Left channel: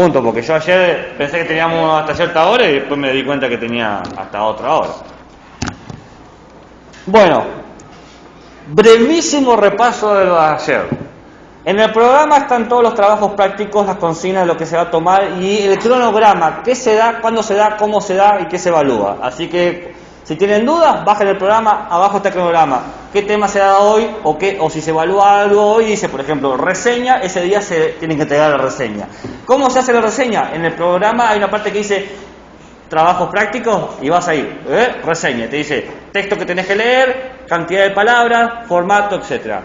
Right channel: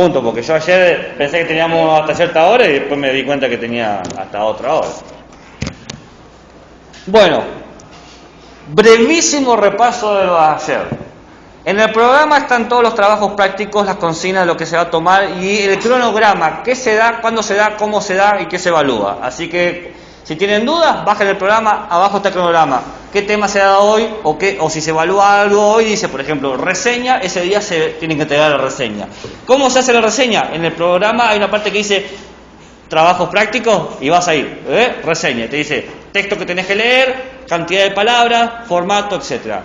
Pregunto, porque yo ayer pensé que teníamos hasta cierta hora y después me di cuenta que tenía hasta otra hora. Bueno, brevísimo repaso de lo de ayer. En el programa están todos los trabajos prácticos, las consignas de lo que se va a tomar y el cronograma, qué se da, cuándo se da, cómo se da y qué se evalúa. Así que si tienen dudas, bajen el programa, abajo está el cronograma. ¿Qué tema se da hoy? O si se evalúa algo hoy, dice, por ejemplo, reseña, ese día se tienen que entregar la reseña. ¿Cómo se hace la reseña? En el programa hay una parte que dice trabajos prácticos y vas a ir, reseña, te dice texto que tenés que leer, cantidad de palabras, formato, etcétera.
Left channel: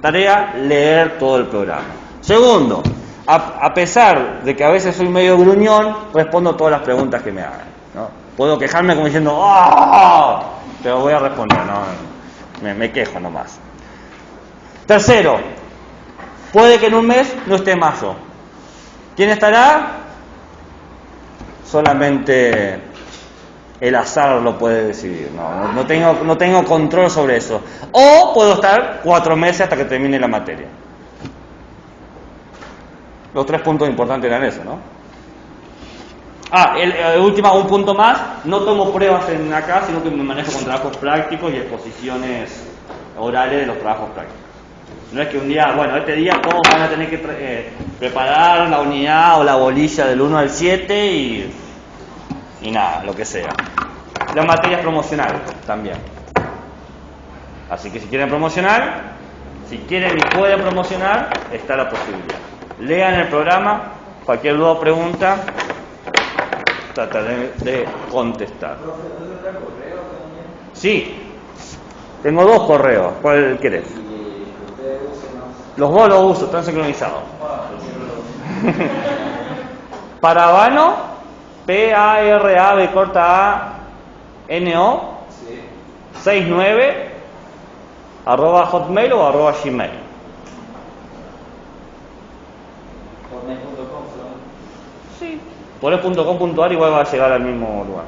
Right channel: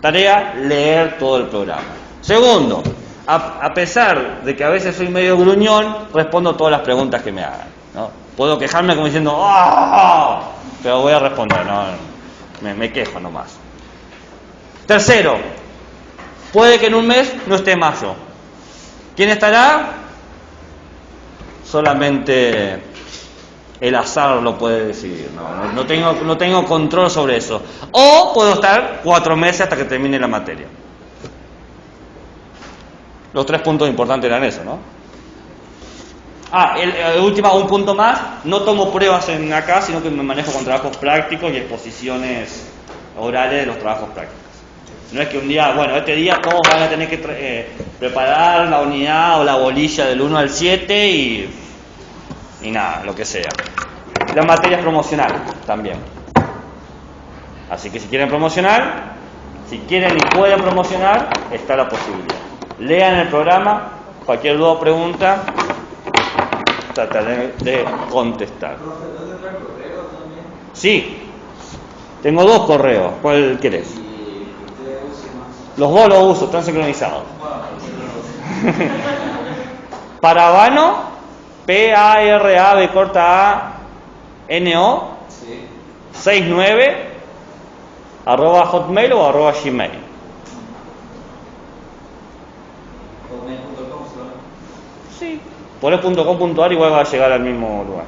Tarea, leer todo el programa. Segundo, a pesar de que a veces soy medio gruñón, respondo todas las preguntas que me hagan, ¿no? Puedo quejarme como diciendo ¡ah! Pero voy a responder, no, me quejo nomás. Tercero, puede que en un mes no esté Mayo. ¿Quién estará? Solamente el azar lo puede decidir, no tengo control sobre eso. O puedo estar 4 meses hasta que termine la materia. Los 3 puntos importantes eran eso, ¿no? El último, un punto más, no tomo pruebas en acá, sino que me manejo con trabajos prácticos y exposiciones orales de los trabajos prácticos. No es que un día, bueno, este día todos van a tener que preparar la unidad o la bolilla del 1 al 7 y nada, lo que sea. La materia es promocional también. Así que si quieren promocionar, si quieren y pueden promocionar, está la posibilidad. Lean el programa, cualquier duda o pregunta, trataré de contestar. Sí, tengo 2 correos. ¿Cuál querés? Los 2 los uso, están sincronizados. Paravano, P-A-R-A-B corta A-N-O, 69, @hotmail o @gmail. Sí, ponés .com.ar igual va a llegar al mismo lugar.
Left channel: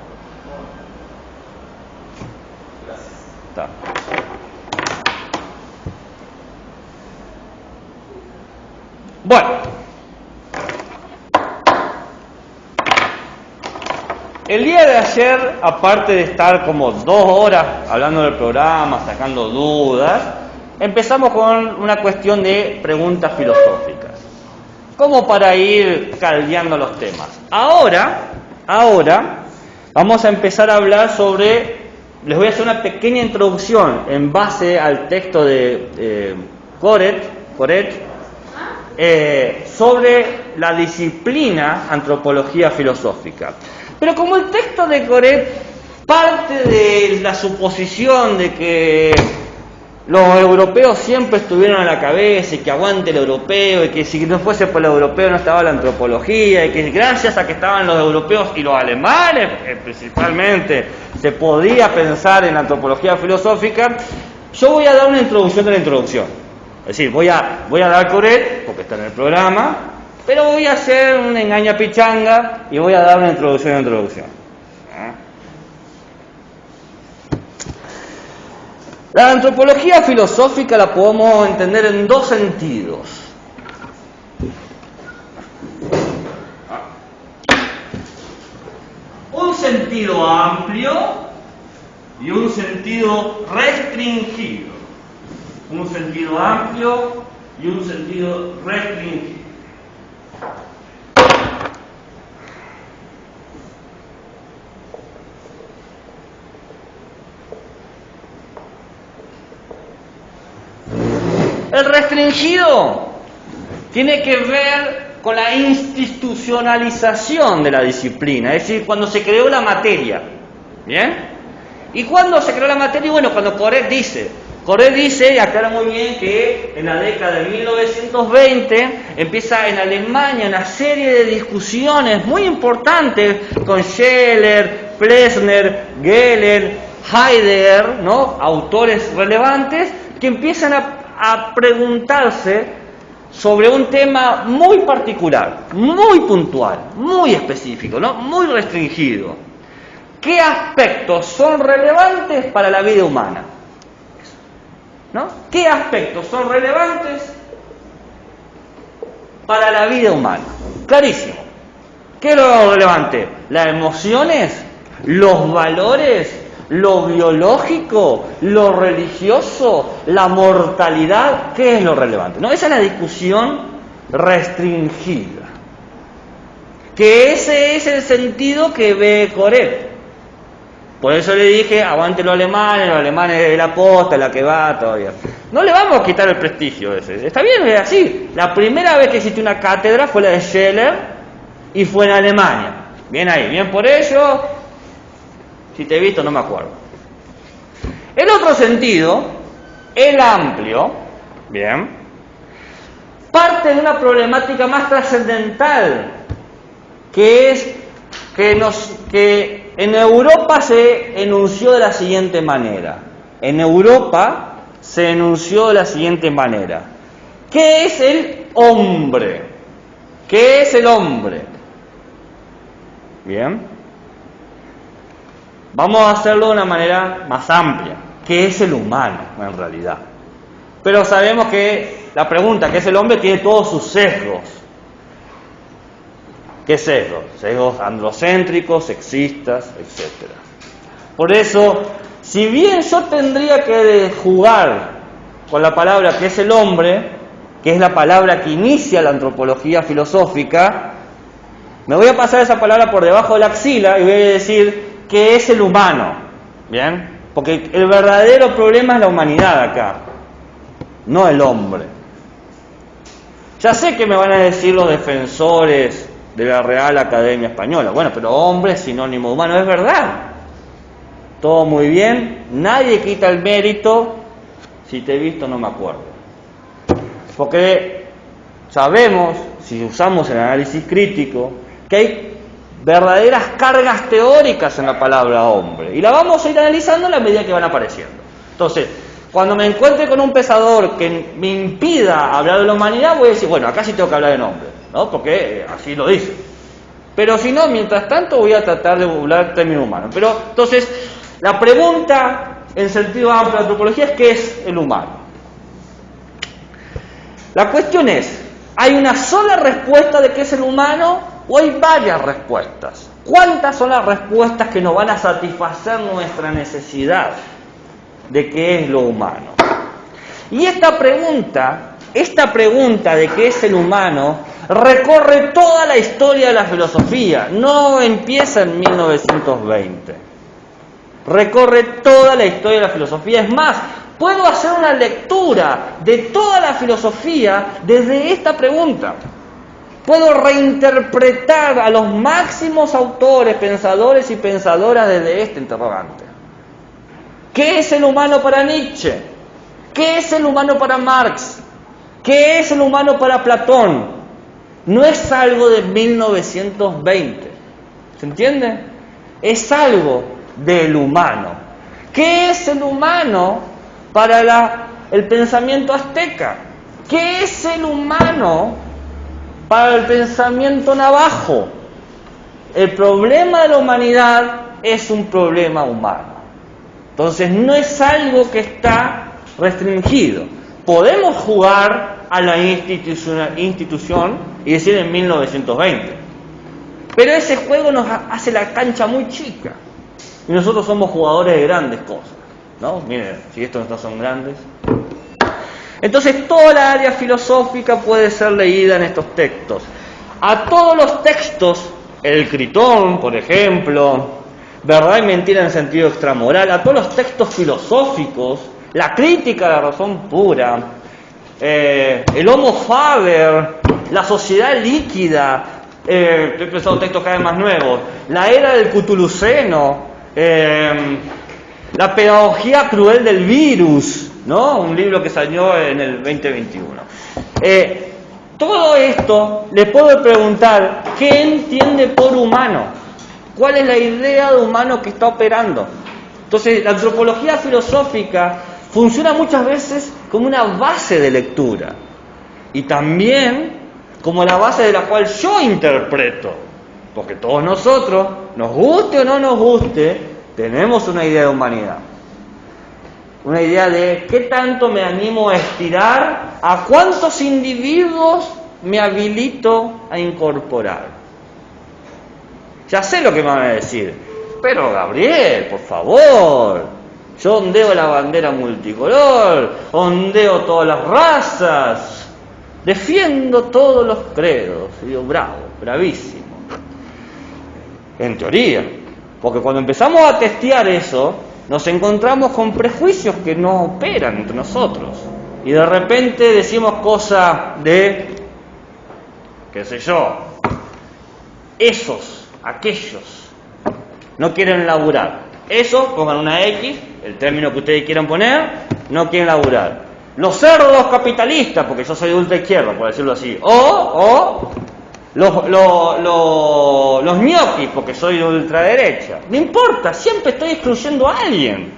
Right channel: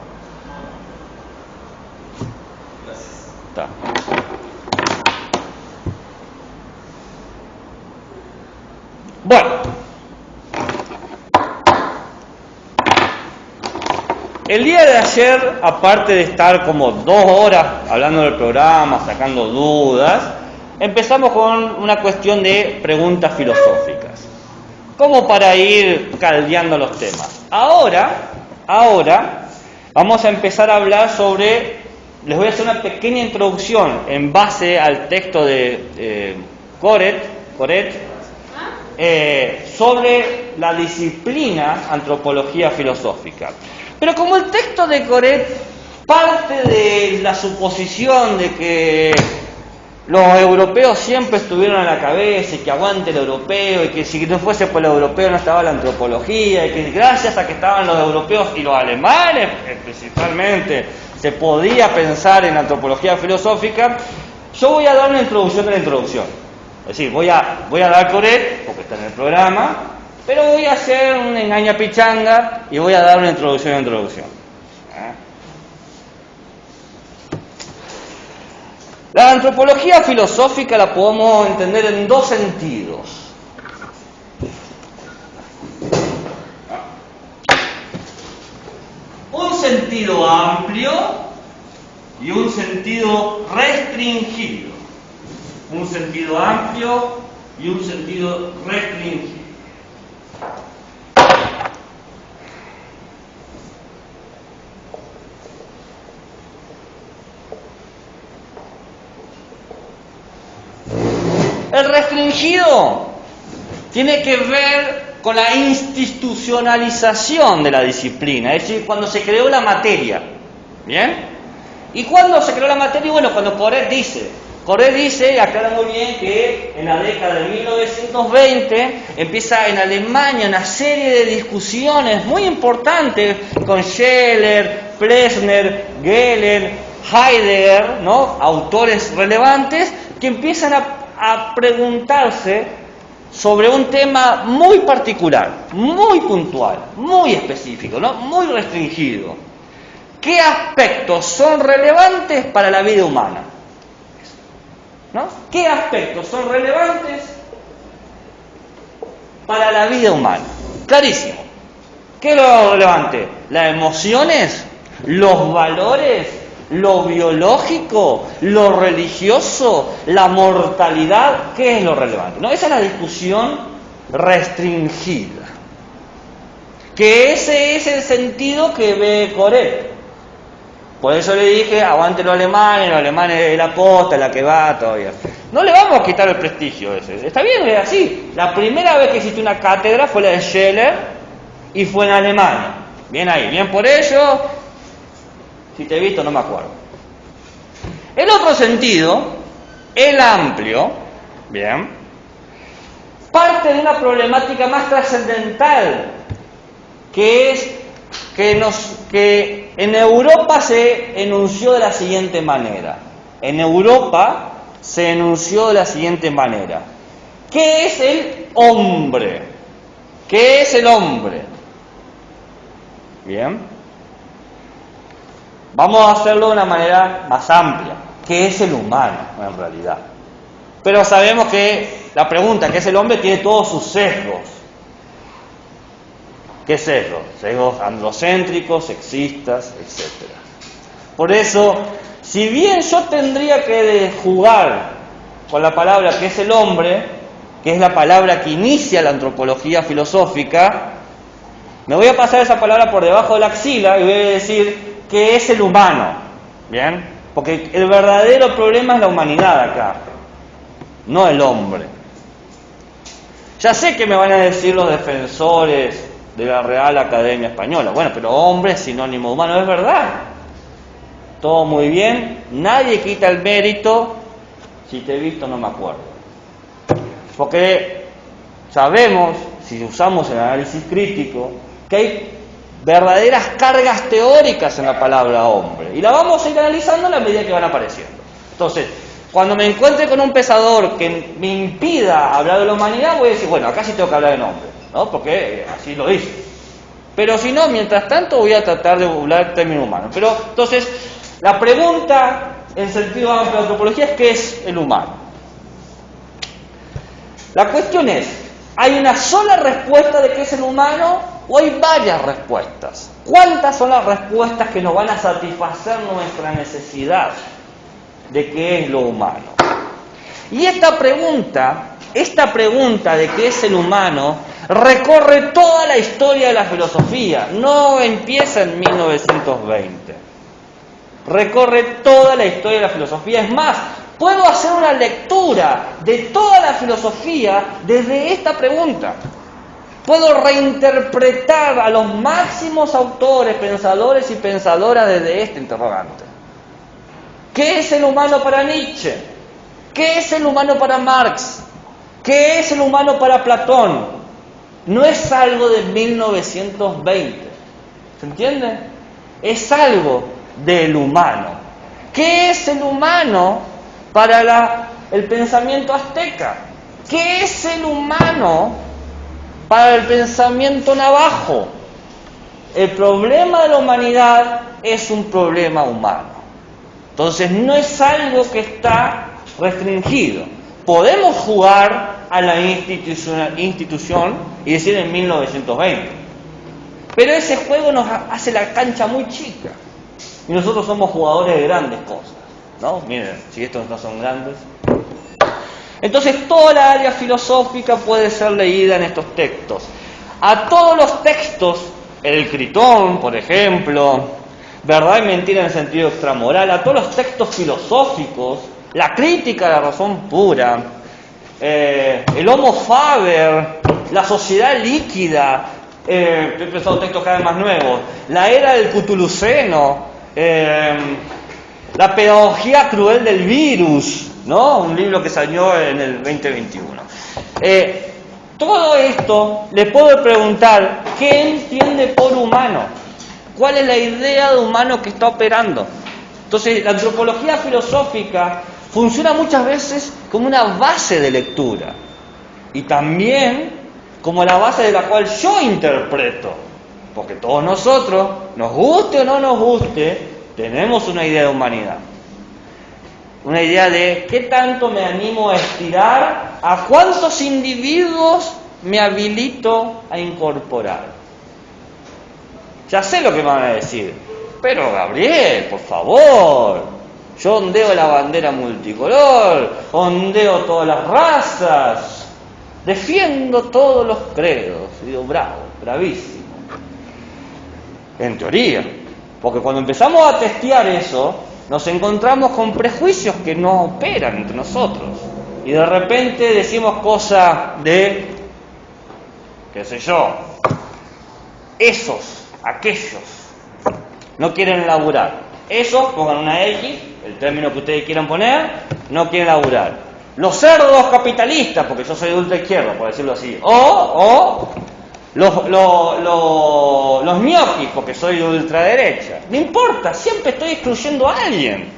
Está. Bueno, el día de ayer, aparte de estar como 2 horas hablando del programa, sacando dudas, empezamos con una cuestión de preguntas filosóficas, como para ir caldeando los temas. Ahora vamos a empezar a hablar sobre, les voy a hacer una pequeña introducción en base al texto de Coret, sobre la disciplina antropología filosófica. Pero como el texto de Coret parte de la suposición de que los europeos siempre estuvieron a la cabeza y que aguante el europeo y que si no fuese por el europeo no estaba la antropología y que gracias a que estaban los europeos y los alemanes principalmente se podía pensar en la antropología filosófica, yo voy a dar una introducción de la introducción. Es decir, voy a dar Coret, porque está en el programa, pero voy a hacer una engaña pichanga y voy a dar una introducción de introducción. La antropología filosófica la podemos entender en 2 sentidos. Un sentido amplio y un sentido restringido. Un sentido amplio y un sentido restringido. El restringido tiene que ver con la institucionalización de la disciplina, es decir, cuando se creó la materia. ¿Bien? ¿Y cuándo se creó la materia? Bueno, cuando Coret dice, y aclara muy bien que en la década de 1920 empieza en Alemania una serie de discusiones muy importantes con Scheler, Plessner, Geller, Heidegger, ¿no? Autores relevantes que empiezan a preguntarse sobre un tema muy particular, muy puntual, muy específico, ¿no? Muy restringido. ¿Qué aspectos son relevantes para la vida humana? ¿No? ¿Qué aspectos son relevantes para la vida humana? Clarísimo. ¿Qué es lo relevante? ¿Las emociones? ¿Los valores? ¿Lo biológico? ¿Lo religioso? ¿La mortalidad? ¿Qué es lo relevante? No, esa es la discusión restringida. Que ese es el sentido que ve Coret. Por eso le dije, aguante los alemanes de la posta, la que va todavía. No le vamos a quitar el prestigio ese. Está bien, es así. La primera vez que existió una cátedra fue la de Scheller y fue en Alemania. Bien ahí, bien por ello. Si te he visto, no me acuerdo. El otro sentido, el amplio, bien, parte de una problemática más trascendental, que es que en Europa se enunció de la siguiente manera. En Europa se enunció de la siguiente manera. ¿Qué es el hombre? ¿Qué es el hombre? Bien. Vamos a hacerlo de una manera más amplia. ¿Qué es el humano en realidad? Pero sabemos que la pregunta, ¿qué es el hombre?, tiene todos sus sesgos. ¿Qué sesgos? Sesgos androcéntricos, sexistas, etc. Por eso, si bien yo tendría que jugar con la palabra ¿qué es el hombre?, que es la palabra que inicia la antropología filosófica, me voy a pasar esa palabra por debajo de la axila y voy a decir ¿qué es el humano? ¿Bien? Porque el verdadero problema es la humanidad acá, no el hombre. Ya sé que me van a decir los defensores de la Real Academia Española, bueno, pero hombre es sinónimo de humano, es verdad. Todo muy bien, nadie quita el mérito, si te he visto no me acuerdo. Porque sabemos, si usamos el análisis crítico, que hay verdaderas cargas teóricas en la palabra hombre, y la vamos a ir analizando a la medida que van apareciendo. Entonces, cuando me encuentre con un pensador que me impida hablar de la humanidad, voy a decir, bueno, acá sí tengo que hablar de nombre, ¿no? Porque así lo dice. Pero si no, mientras tanto voy a tratar de hablar del término humano. Pero, entonces, la pregunta en sentido amplio de antropología es ¿qué es el humano? La cuestión es, ¿hay una sola respuesta de qué es el humano o hay varias respuestas? ¿Cuántas son las respuestas que nos van a satisfacer nuestra necesidad de qué es lo humano? Y esta pregunta de qué es el humano recorre toda la historia de la filosofía, no empieza en 1920. Recorre toda la historia de la filosofía. Es más, puedo hacer una lectura de toda la filosofía desde esta pregunta. Puedo reinterpretar a los máximos autores, pensadores y pensadoras desde este interrogante. ¿Qué es el humano para Nietzsche? ¿Qué es el humano para Marx? ¿Qué es el humano para Platón? No es algo de 1920. ¿Se entiende? Es algo del humano. ¿Qué es el humano para el pensamiento azteca? ¿Qué es el humano para el pensamiento navajo? El problema de la humanidad es un problema humano. Entonces no es algo que está restringido. Podemos jugar a la institución y decir en 1920. Pero ese juego nos hace la cancha muy chica. Y nosotros somos jugadores de grandes cosas, ¿no? Miren, si estos no son grandes. Entonces toda la área filosófica puede ser leída en estos textos. A todos los textos, el Critón, por ejemplo, Verdad y Mentira en sentido extramoral, a todos los textos filosóficos, la crítica a la razón pura, el Homo Faber, la sociedad líquida, estoy pensando textos cada vez más nuevos, la era del Cthulhuceno, la pedagogía cruel del virus, ¿no? Un libro que salió en el 2021. Todo esto le puedo preguntar, ¿qué entiende por humano? ¿Cuál es la idea de humano que está operando? Entonces, la antropología filosófica funciona muchas veces como una base de lectura y también como la base de la cual yo interpreto, porque todos nosotros, nos guste o no nos guste, tenemos una idea de humanidad, una idea de qué tanto me animo a estirar, a cuántos individuos me habilito a incorporar. Ya sé lo que me van a decir. Pero Gabriel, por favor, yo ondeo la bandera multicolor, ondeo todas las razas, defiendo todos los credos. Y digo, bravo, bravísimo. En teoría, porque cuando empezamos a testear eso, nos encontramos con prejuicios que no operan entre nosotros. Y de repente decimos cosas de, qué sé yo, esos, aquellos, no quieren laburar. Esos, pongan una X, el término que ustedes quieran poner, no quieren laburar. Los cerdos capitalistas, porque yo soy de ultra izquierda, por decirlo así. O los ñoquis, porque soy de ultraderecha. No importa, siempre estoy excluyendo a alguien.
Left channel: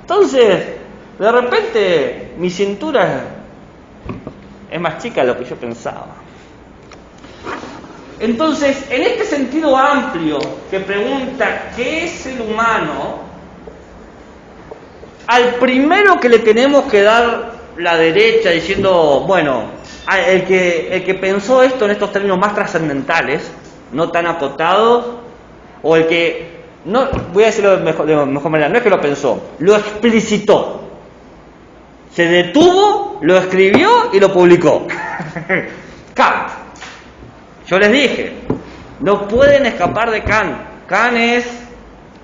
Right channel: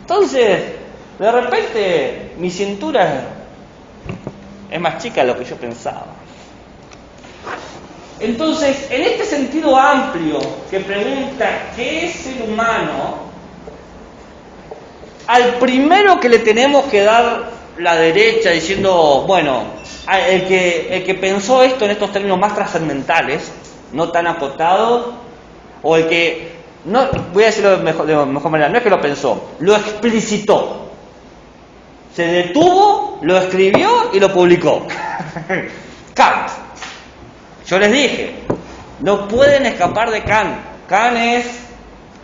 Entonces, de repente, mi cintura es más chica de lo que yo pensaba. Entonces, en este sentido amplio que pregunta ¿qué es el humano?, al primero que le tenemos que dar la derecha diciendo, bueno, el que pensó esto en estos términos más trascendentales, no tan acotados, o el que, no, voy a decirlo de mejor manera, no es que lo pensó, lo explicitó. Se detuvo, lo escribió y lo publicó. Kant. Yo les dije, no pueden escapar de Kant. Kant es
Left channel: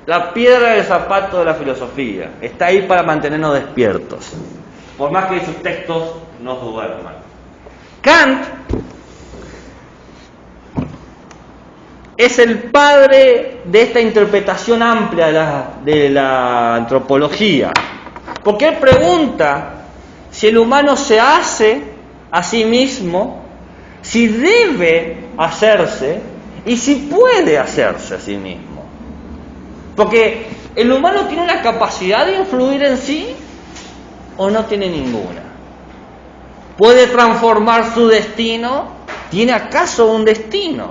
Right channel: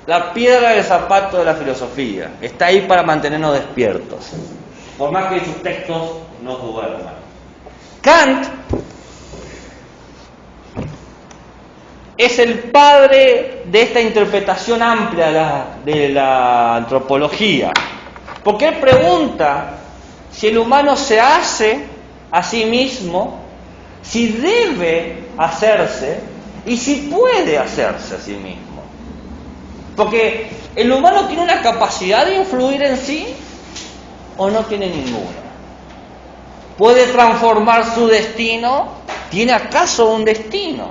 la piedra del zapato de la filosofía. Está ahí para mantenernos despiertos, por más que sus textos nos duerman. Kant es el padre de esta interpretación amplia de la antropología, porque él pregunta si el humano se hace a sí mismo, si debe hacerse y si puede hacerse a sí mismo. Porque el humano tiene una capacidad de influir en sí o no tiene ninguna. ¿Puede transformar su destino? ¿Tiene acaso un destino?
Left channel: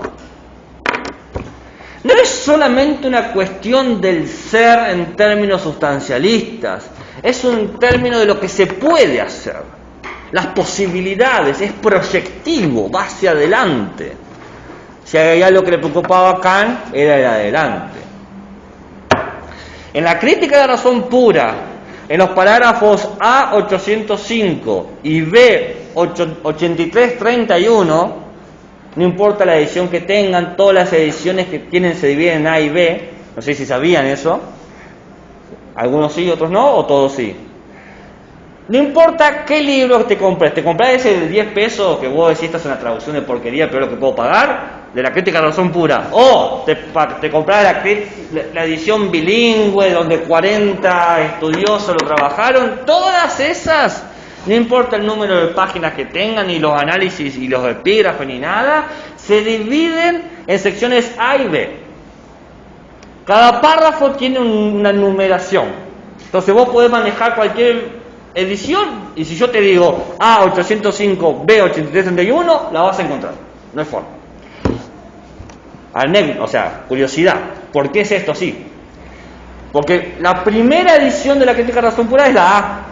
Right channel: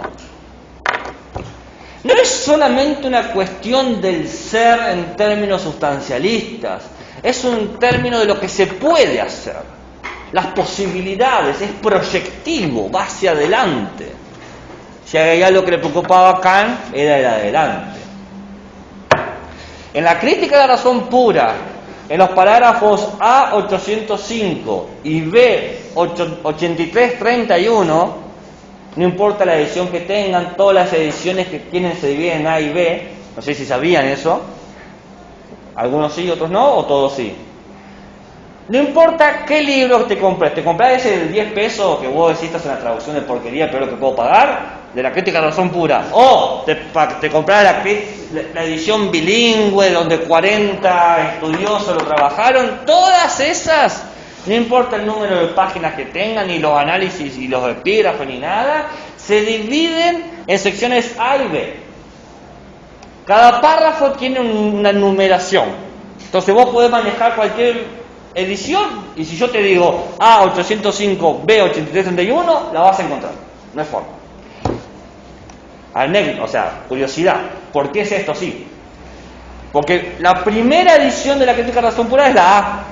No es solamente una cuestión del ser en términos sustancialistas, es un término de lo que se puede hacer. Las posibilidades, es proyectivo, va hacia adelante. Si hay algo que le preocupaba a Kant, era el adelante. En la crítica de la razón pura, en los parágrafos A805 y B8331, no importa la edición que tengan, todas las ediciones que tienen se dividen en A y B, no sé si sabían eso, algunos sí, otros no, o todos sí. No importa qué libro te compres ese de 10 pesos que vos decís estás en la traducción de porquería, pero lo que puedo pagar, de la crítica de la razón pura, o te compras la edición bilingüe donde 40 estudiosos lo trabajaron, todas esas, no importa el número de páginas que tengan, ni los análisis y los epígrafes ni nada, se dividen en secciones A y B. Cada párrafo tiene una numeración, entonces vos podés manejar cualquier edición, y si yo te digo A805, B8331, la vas a encontrar, no hay forma. O sea, curiosidad, ¿por qué es esto así? Porque la primera edición de la crítica de la razón pura es la A,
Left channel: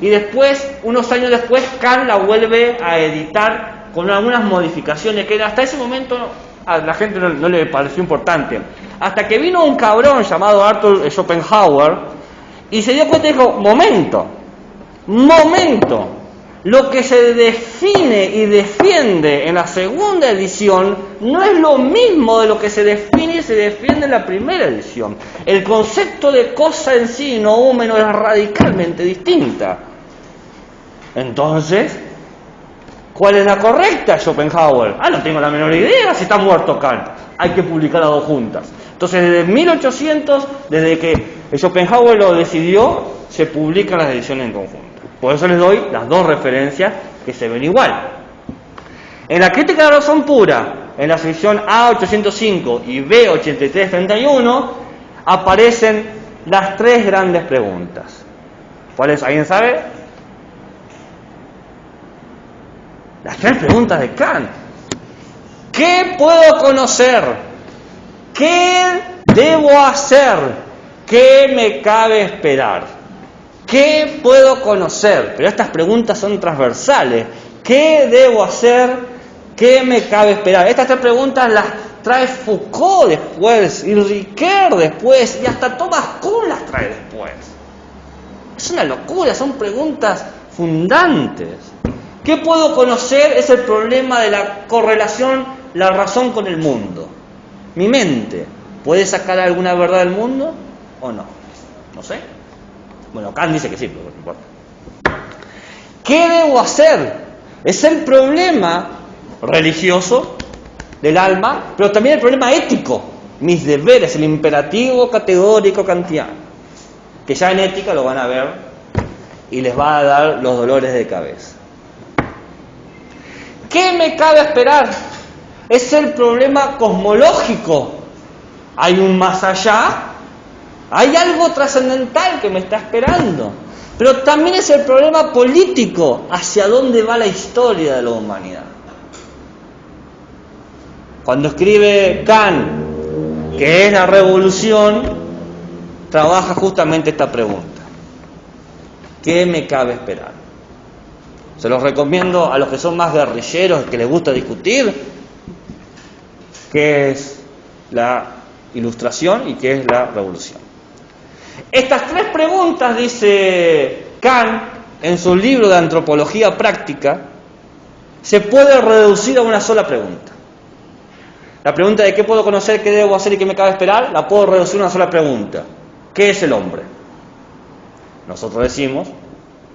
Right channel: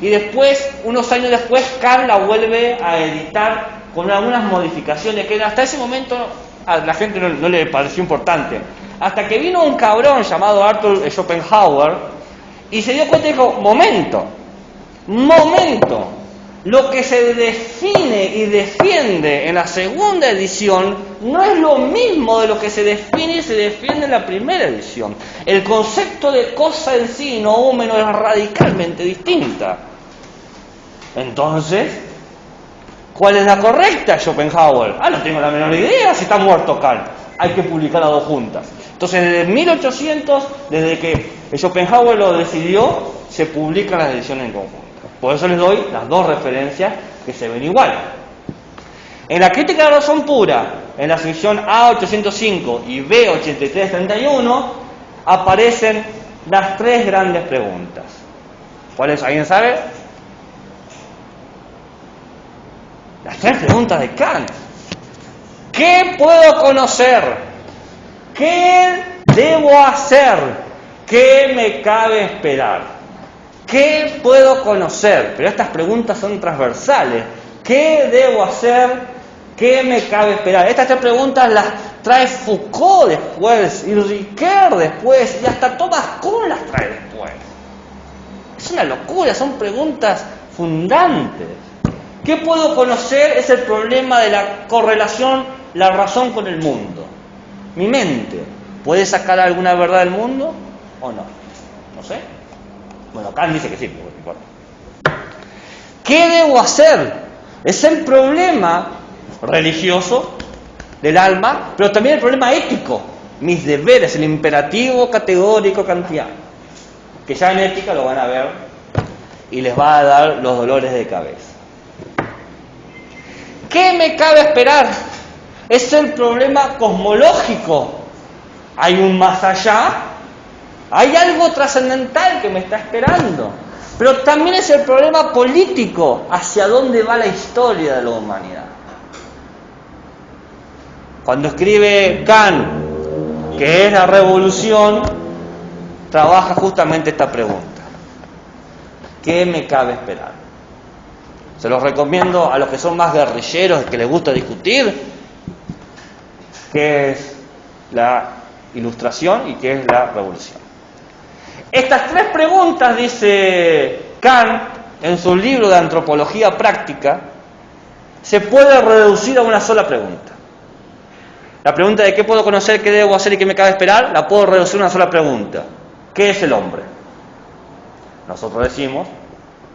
y después, unos años después, Kant la vuelve a editar con algunas modificaciones que hasta ese momento a la gente no le pareció importante, hasta que vino un cabrón llamado Arthur Schopenhauer y se dio cuenta y dijo, momento, lo que se define y defiende en la segunda edición no es lo mismo de lo que se define y se defiende en la primera edición. El concepto de cosa en sí, noúmeno, es radicalmente distinta. Entonces, ¿cuál es la correcta, Schopenhauer? No tengo la menor idea, si está muerto Kant. Hay que publicar las dos juntas. Entonces, desde 1800, desde que Schopenhauer lo decidió, se publican las ediciones en conjunto. Por eso les doy las dos referencias que se ven igual. En la crítica de la razón pura, en la sección A805 y B8331, aparecen las tres grandes preguntas. ¿Cuáles? ¿Alguien sabe? Las tres preguntas de Kant. ¿Qué puedo conocer? ¿Qué debo hacer? ¿Qué me cabe esperar? ¿Qué puedo conocer? Pero estas preguntas son transversales. ¿Qué debo hacer? ¿Qué me cabe esperar? Estas tres preguntas las trae Foucault después, y Ricoeur después, y hasta Thomas Kuhn las trae después. Es una locura, son preguntas fundantes. ¿Qué puedo conocer? Es el problema de la correlación, la razón con el mundo. Mi mente, ¿puede sacar alguna verdad del mundo o no? No sé. Bueno, Kant dice que sí, pero bueno. ¿Qué debo hacer? Es el problema religioso del alma, pero también el problema ético. Mis deberes, el imperativo categórico kantiano. Que ya en ética lo van a ver y les va a dar los dolores de cabeza. ¿Qué me cabe esperar? Es el problema cosmológico. Hay un más allá, hay algo trascendental que me está esperando. Pero también es el problema político, hacia dónde va la historia de la humanidad. Cuando escribe Kant, que es la revolución, trabaja justamente esta pregunta. ¿Qué me cabe esperar? Se los recomiendo a los que son más guerrilleros, que les gusta discutir, qué es la ilustración y qué es la revolución. Estas tres preguntas, dice Kant en su libro de Antropología Práctica, se puede reducir a una sola pregunta. La pregunta de qué puedo conocer, qué debo hacer y qué me cabe esperar, la puedo reducir a una sola pregunta. ¿Qué es el hombre? Nosotros decimos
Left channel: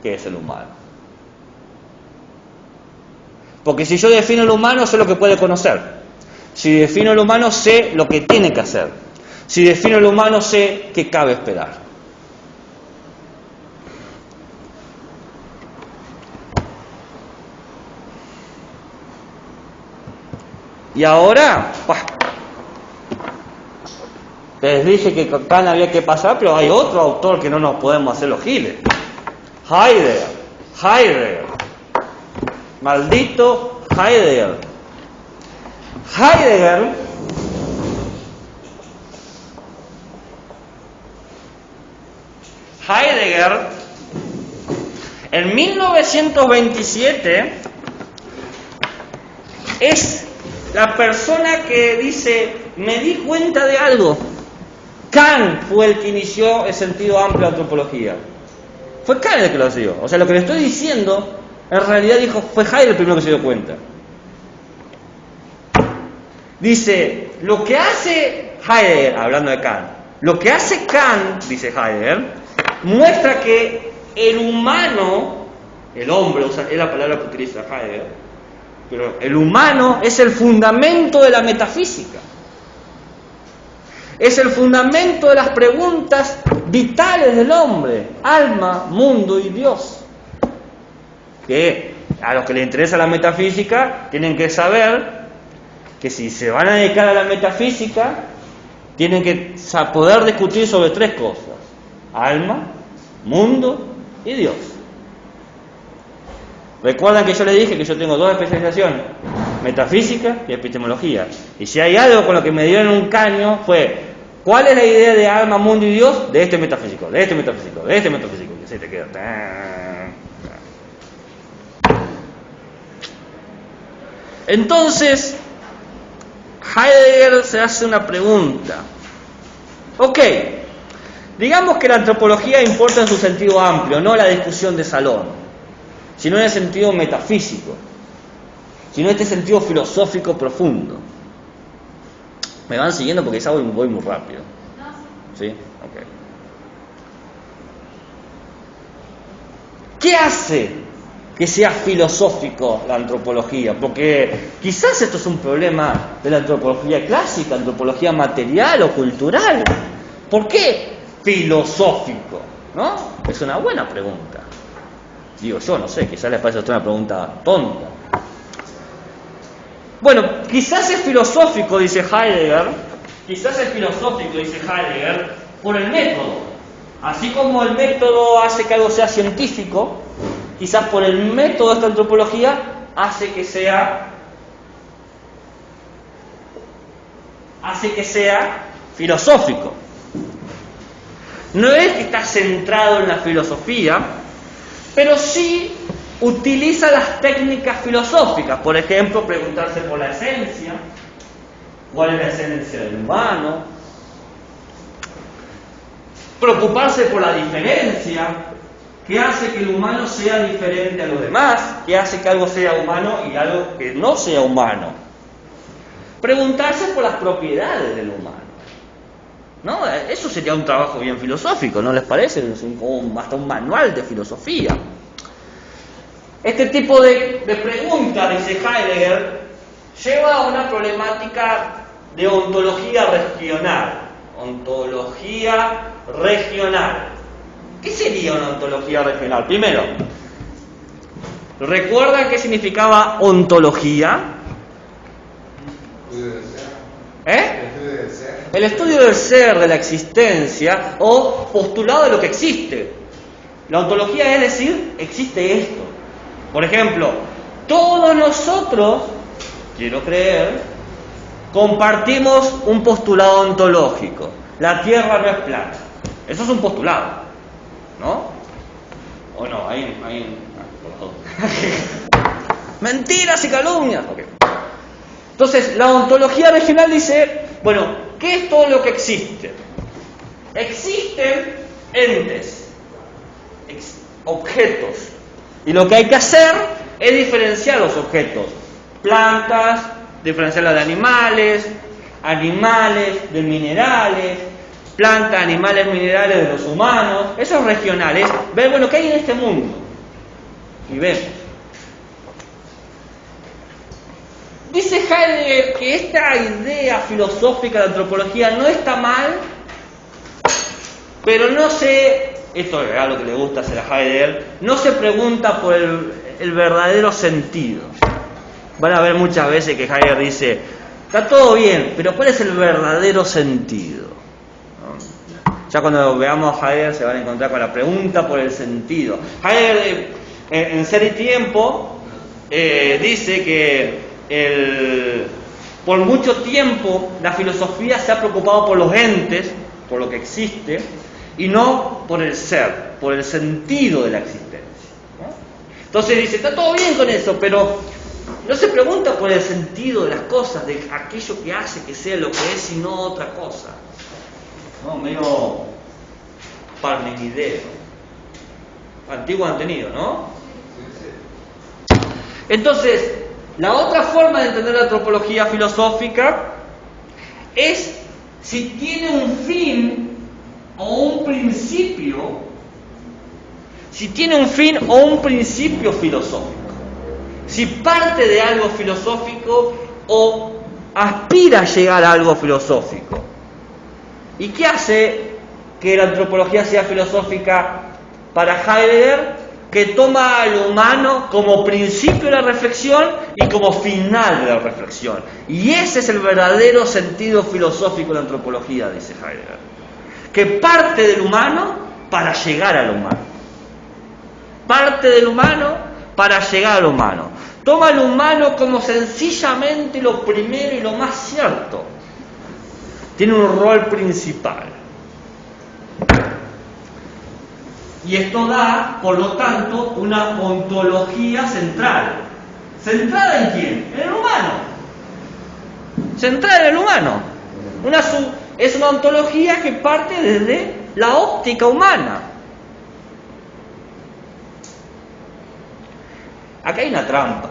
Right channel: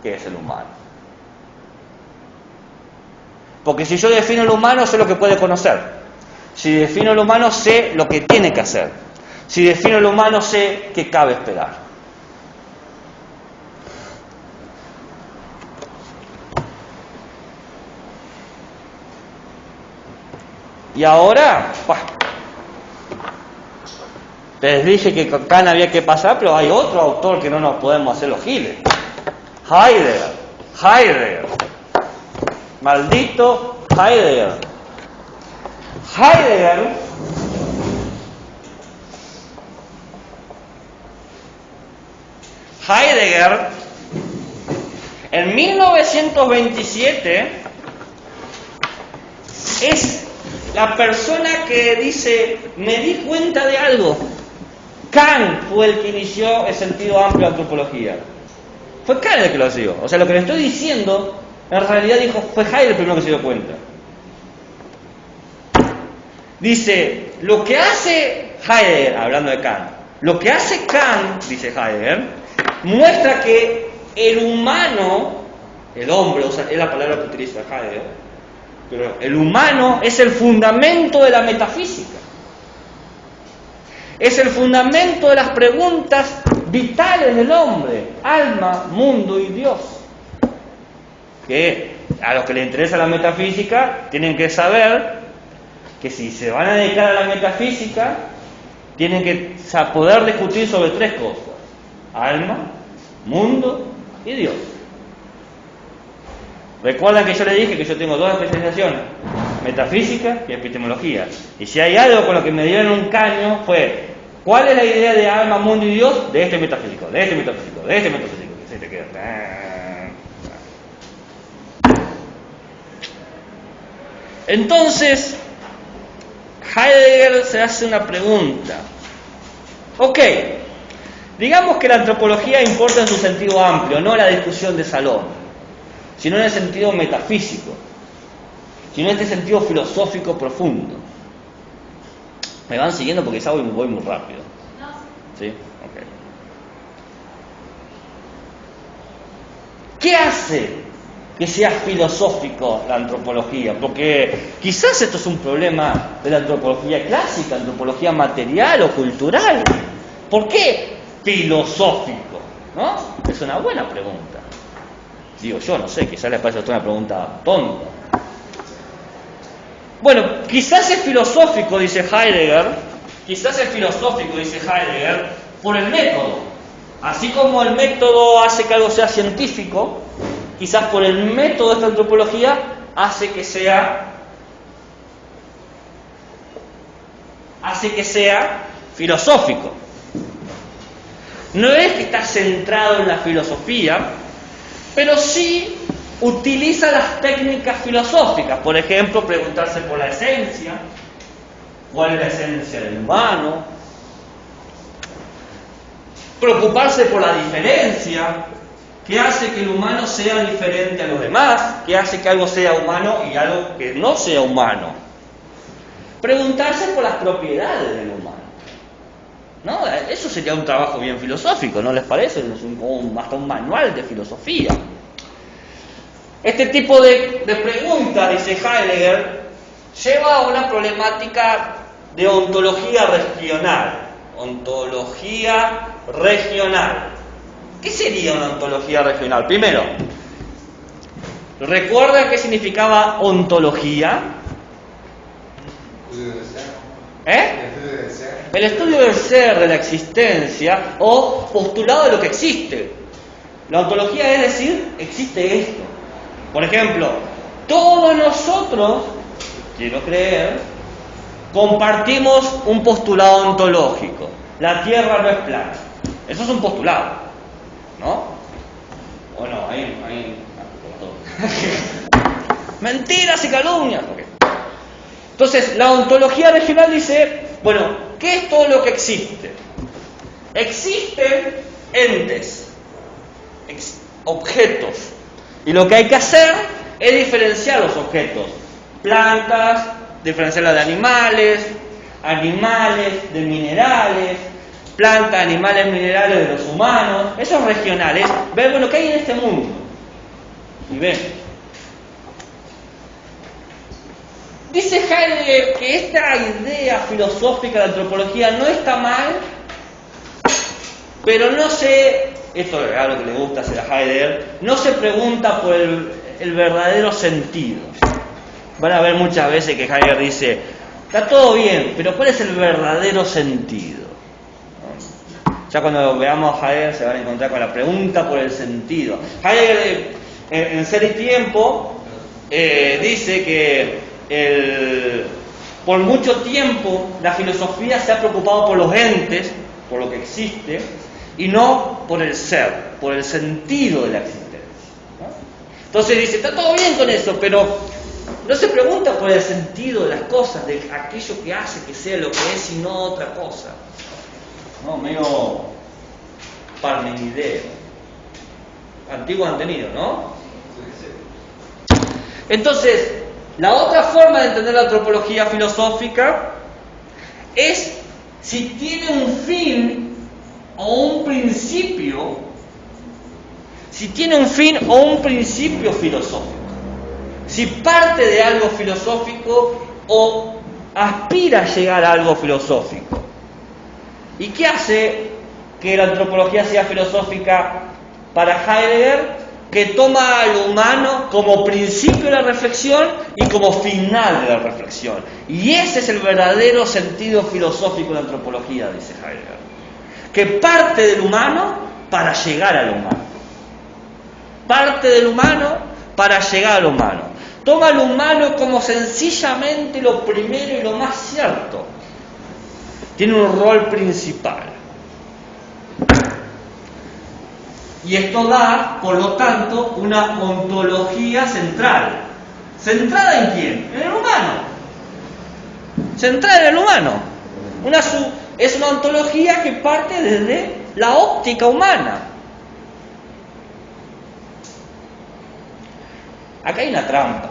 que es el humano. Porque si yo defino el humano, sé lo que puede conocer. Si defino el humano, sé lo que tiene que hacer. Si defino el humano, sé qué cabe esperar. Y ahora, les dije que Kant había que pasar, pero hay otro autor que no nos podemos hacer los giles. Heidegger. Maldito Heidegger. Heidegger, en 1927, es la persona que dice, me di cuenta de algo. Kant fue el que inició el sentido amplio de antropología. Fue Kant el que lo hizo. O sea, lo que le estoy diciendo, en realidad dijo, fue Heidegger el primero que se dio cuenta. Dice, lo que hace Heidegger, hablando de Kant, lo que hace Kant, dice Heidegger, muestra que el humano, el hombre, o sea, es la palabra que utiliza Heidegger, pero el humano es el fundamento de la metafísica. Es el fundamento de las preguntas vitales del hombre, alma, mundo y Dios. Que a los que les interesa la metafísica tienen que saber que si se van a dedicar a la metafísica, tienen que poder discutir sobre tres cosas: alma, mundo y Dios. Recuerdan que yo les dije que yo tengo dos especializaciones: metafísica y epistemología. Y si hay algo con lo que me dieron un caño fue: ¿cuál es la idea de alma, mundo y Dios? De este metafísico, de este metafísico, de este metafísico. Y se te queda. Entonces, Heidegger se hace una pregunta. Ok, digamos que la antropología importa en su sentido amplio, no la discusión de salón, sino en el sentido metafísico, sino en este sentido filosófico profundo. ¿Me van siguiendo? Porque ya voy muy rápido. ¿Sí? Ok. ¿Qué hace que sea filosófico la antropología? Porque quizás esto es un problema de la antropología clásica, antropología material o cultural. ¿Por qué filosófico? ¿No? Es una buena pregunta. Digo yo, no sé, quizás les parece a usted una pregunta tonta. Bueno, quizás es filosófico, dice Heidegger, por el método. Así como el método hace que algo sea científico, quizás por el método de esta antropología hace que sea filosófico. No es que está centrado en la filosofía, pero sí utiliza las técnicas filosóficas, por ejemplo, preguntarse por la esencia, cuál es la esencia del humano, preocuparse por la diferencia, qué hace que el humano sea diferente a los demás, qué hace que algo sea humano y algo que no sea humano. Preguntarse por las propiedades del humano. ¿No? Eso sería un trabajo bien filosófico, ¿no les parece? Hasta un manual de filosofía. Este tipo de preguntas, dice Heidegger, lleva a una problemática de ontología regional. Ontología regional. ¿Qué sería una ontología regional? Primero, ¿recuerdan qué significaba ontología? El estudio del ser, de la existencia, o postulado de lo que existe. La ontología es decir, existe esto. Por ejemplo, todos nosotros, quiero creer, compartimos un postulado ontológico. La Tierra no es plana. Eso es un postulado, ¿no? ¿O no? Mentiras y calumnias. Entonces, la ontología regional dice, bueno, ¿qué es todo lo que existe? Existen entes, objetos. Y lo que hay que hacer es diferenciar los objetos. Plantas, diferenciarlas de animales, animales de minerales, plantas, animales, minerales de los humanos. Eso es regional, es ver lo que hay en este mundo. Y ver. Dice Heidegger que esta idea filosófica de antropología no está mal, pero no se, esto es algo que le gusta hacer a Heidegger, no se pregunta por el verdadero sentido. Van a ver muchas veces que Heidegger dice, está todo bien, pero ¿cuál es el verdadero sentido? Ya cuando veamos a Heidegger se van a encontrar con la pregunta por el sentido. Heidegger en Ser y Tiempo dice que por mucho tiempo la filosofía se ha preocupado por los entes, por lo que existe, y no por el ser, por el sentido de la existencia, ¿no? Entonces dice, está todo bien con eso, pero no se pregunta por el sentido de las cosas, de aquello que hace que sea lo que es y no otra cosa, ¿no? Medio parmenideo, antiguo antenido, ¿no? Entonces, la otra forma de entender la antropología filosófica es si tiene un fin o un principio, si tiene un fin o un principio filosófico, si parte de algo filosófico o aspira a llegar a algo filosófico. ¿Y qué hace que la antropología sea filosófica para Heidegger? Que toma al humano como principio de la reflexión y como final de la reflexión. Y ese es el verdadero sentido filosófico de la antropología, dice Heidegger. Que parte del humano para llegar al humano. Parte del humano para llegar al humano. Toma al humano como sencillamente lo primero y lo más cierto. Tiene un rol principal. Y esto da, por lo tanto, una ontología central. ¿Centrada en quién? En el humano. Centrada en el humano. Es una ontología que parte desde la óptica humana. Acá hay una trampa,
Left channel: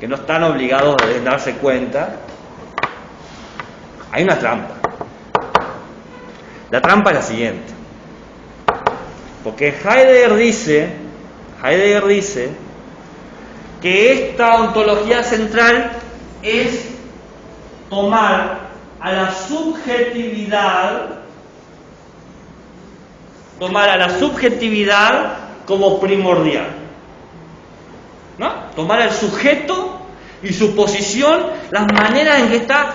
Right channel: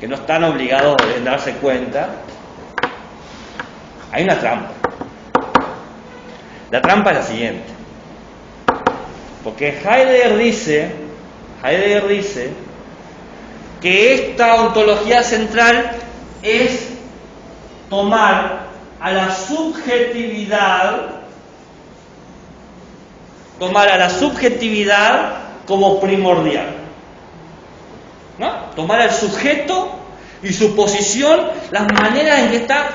que no están obligados a darse cuenta. Hay una trampa. La trampa es la siguiente. Porque Heidegger dice que esta ontología central es tomar a la subjetividad como primordial, ¿no? Tomar al sujeto y su posición, las maneras en que está.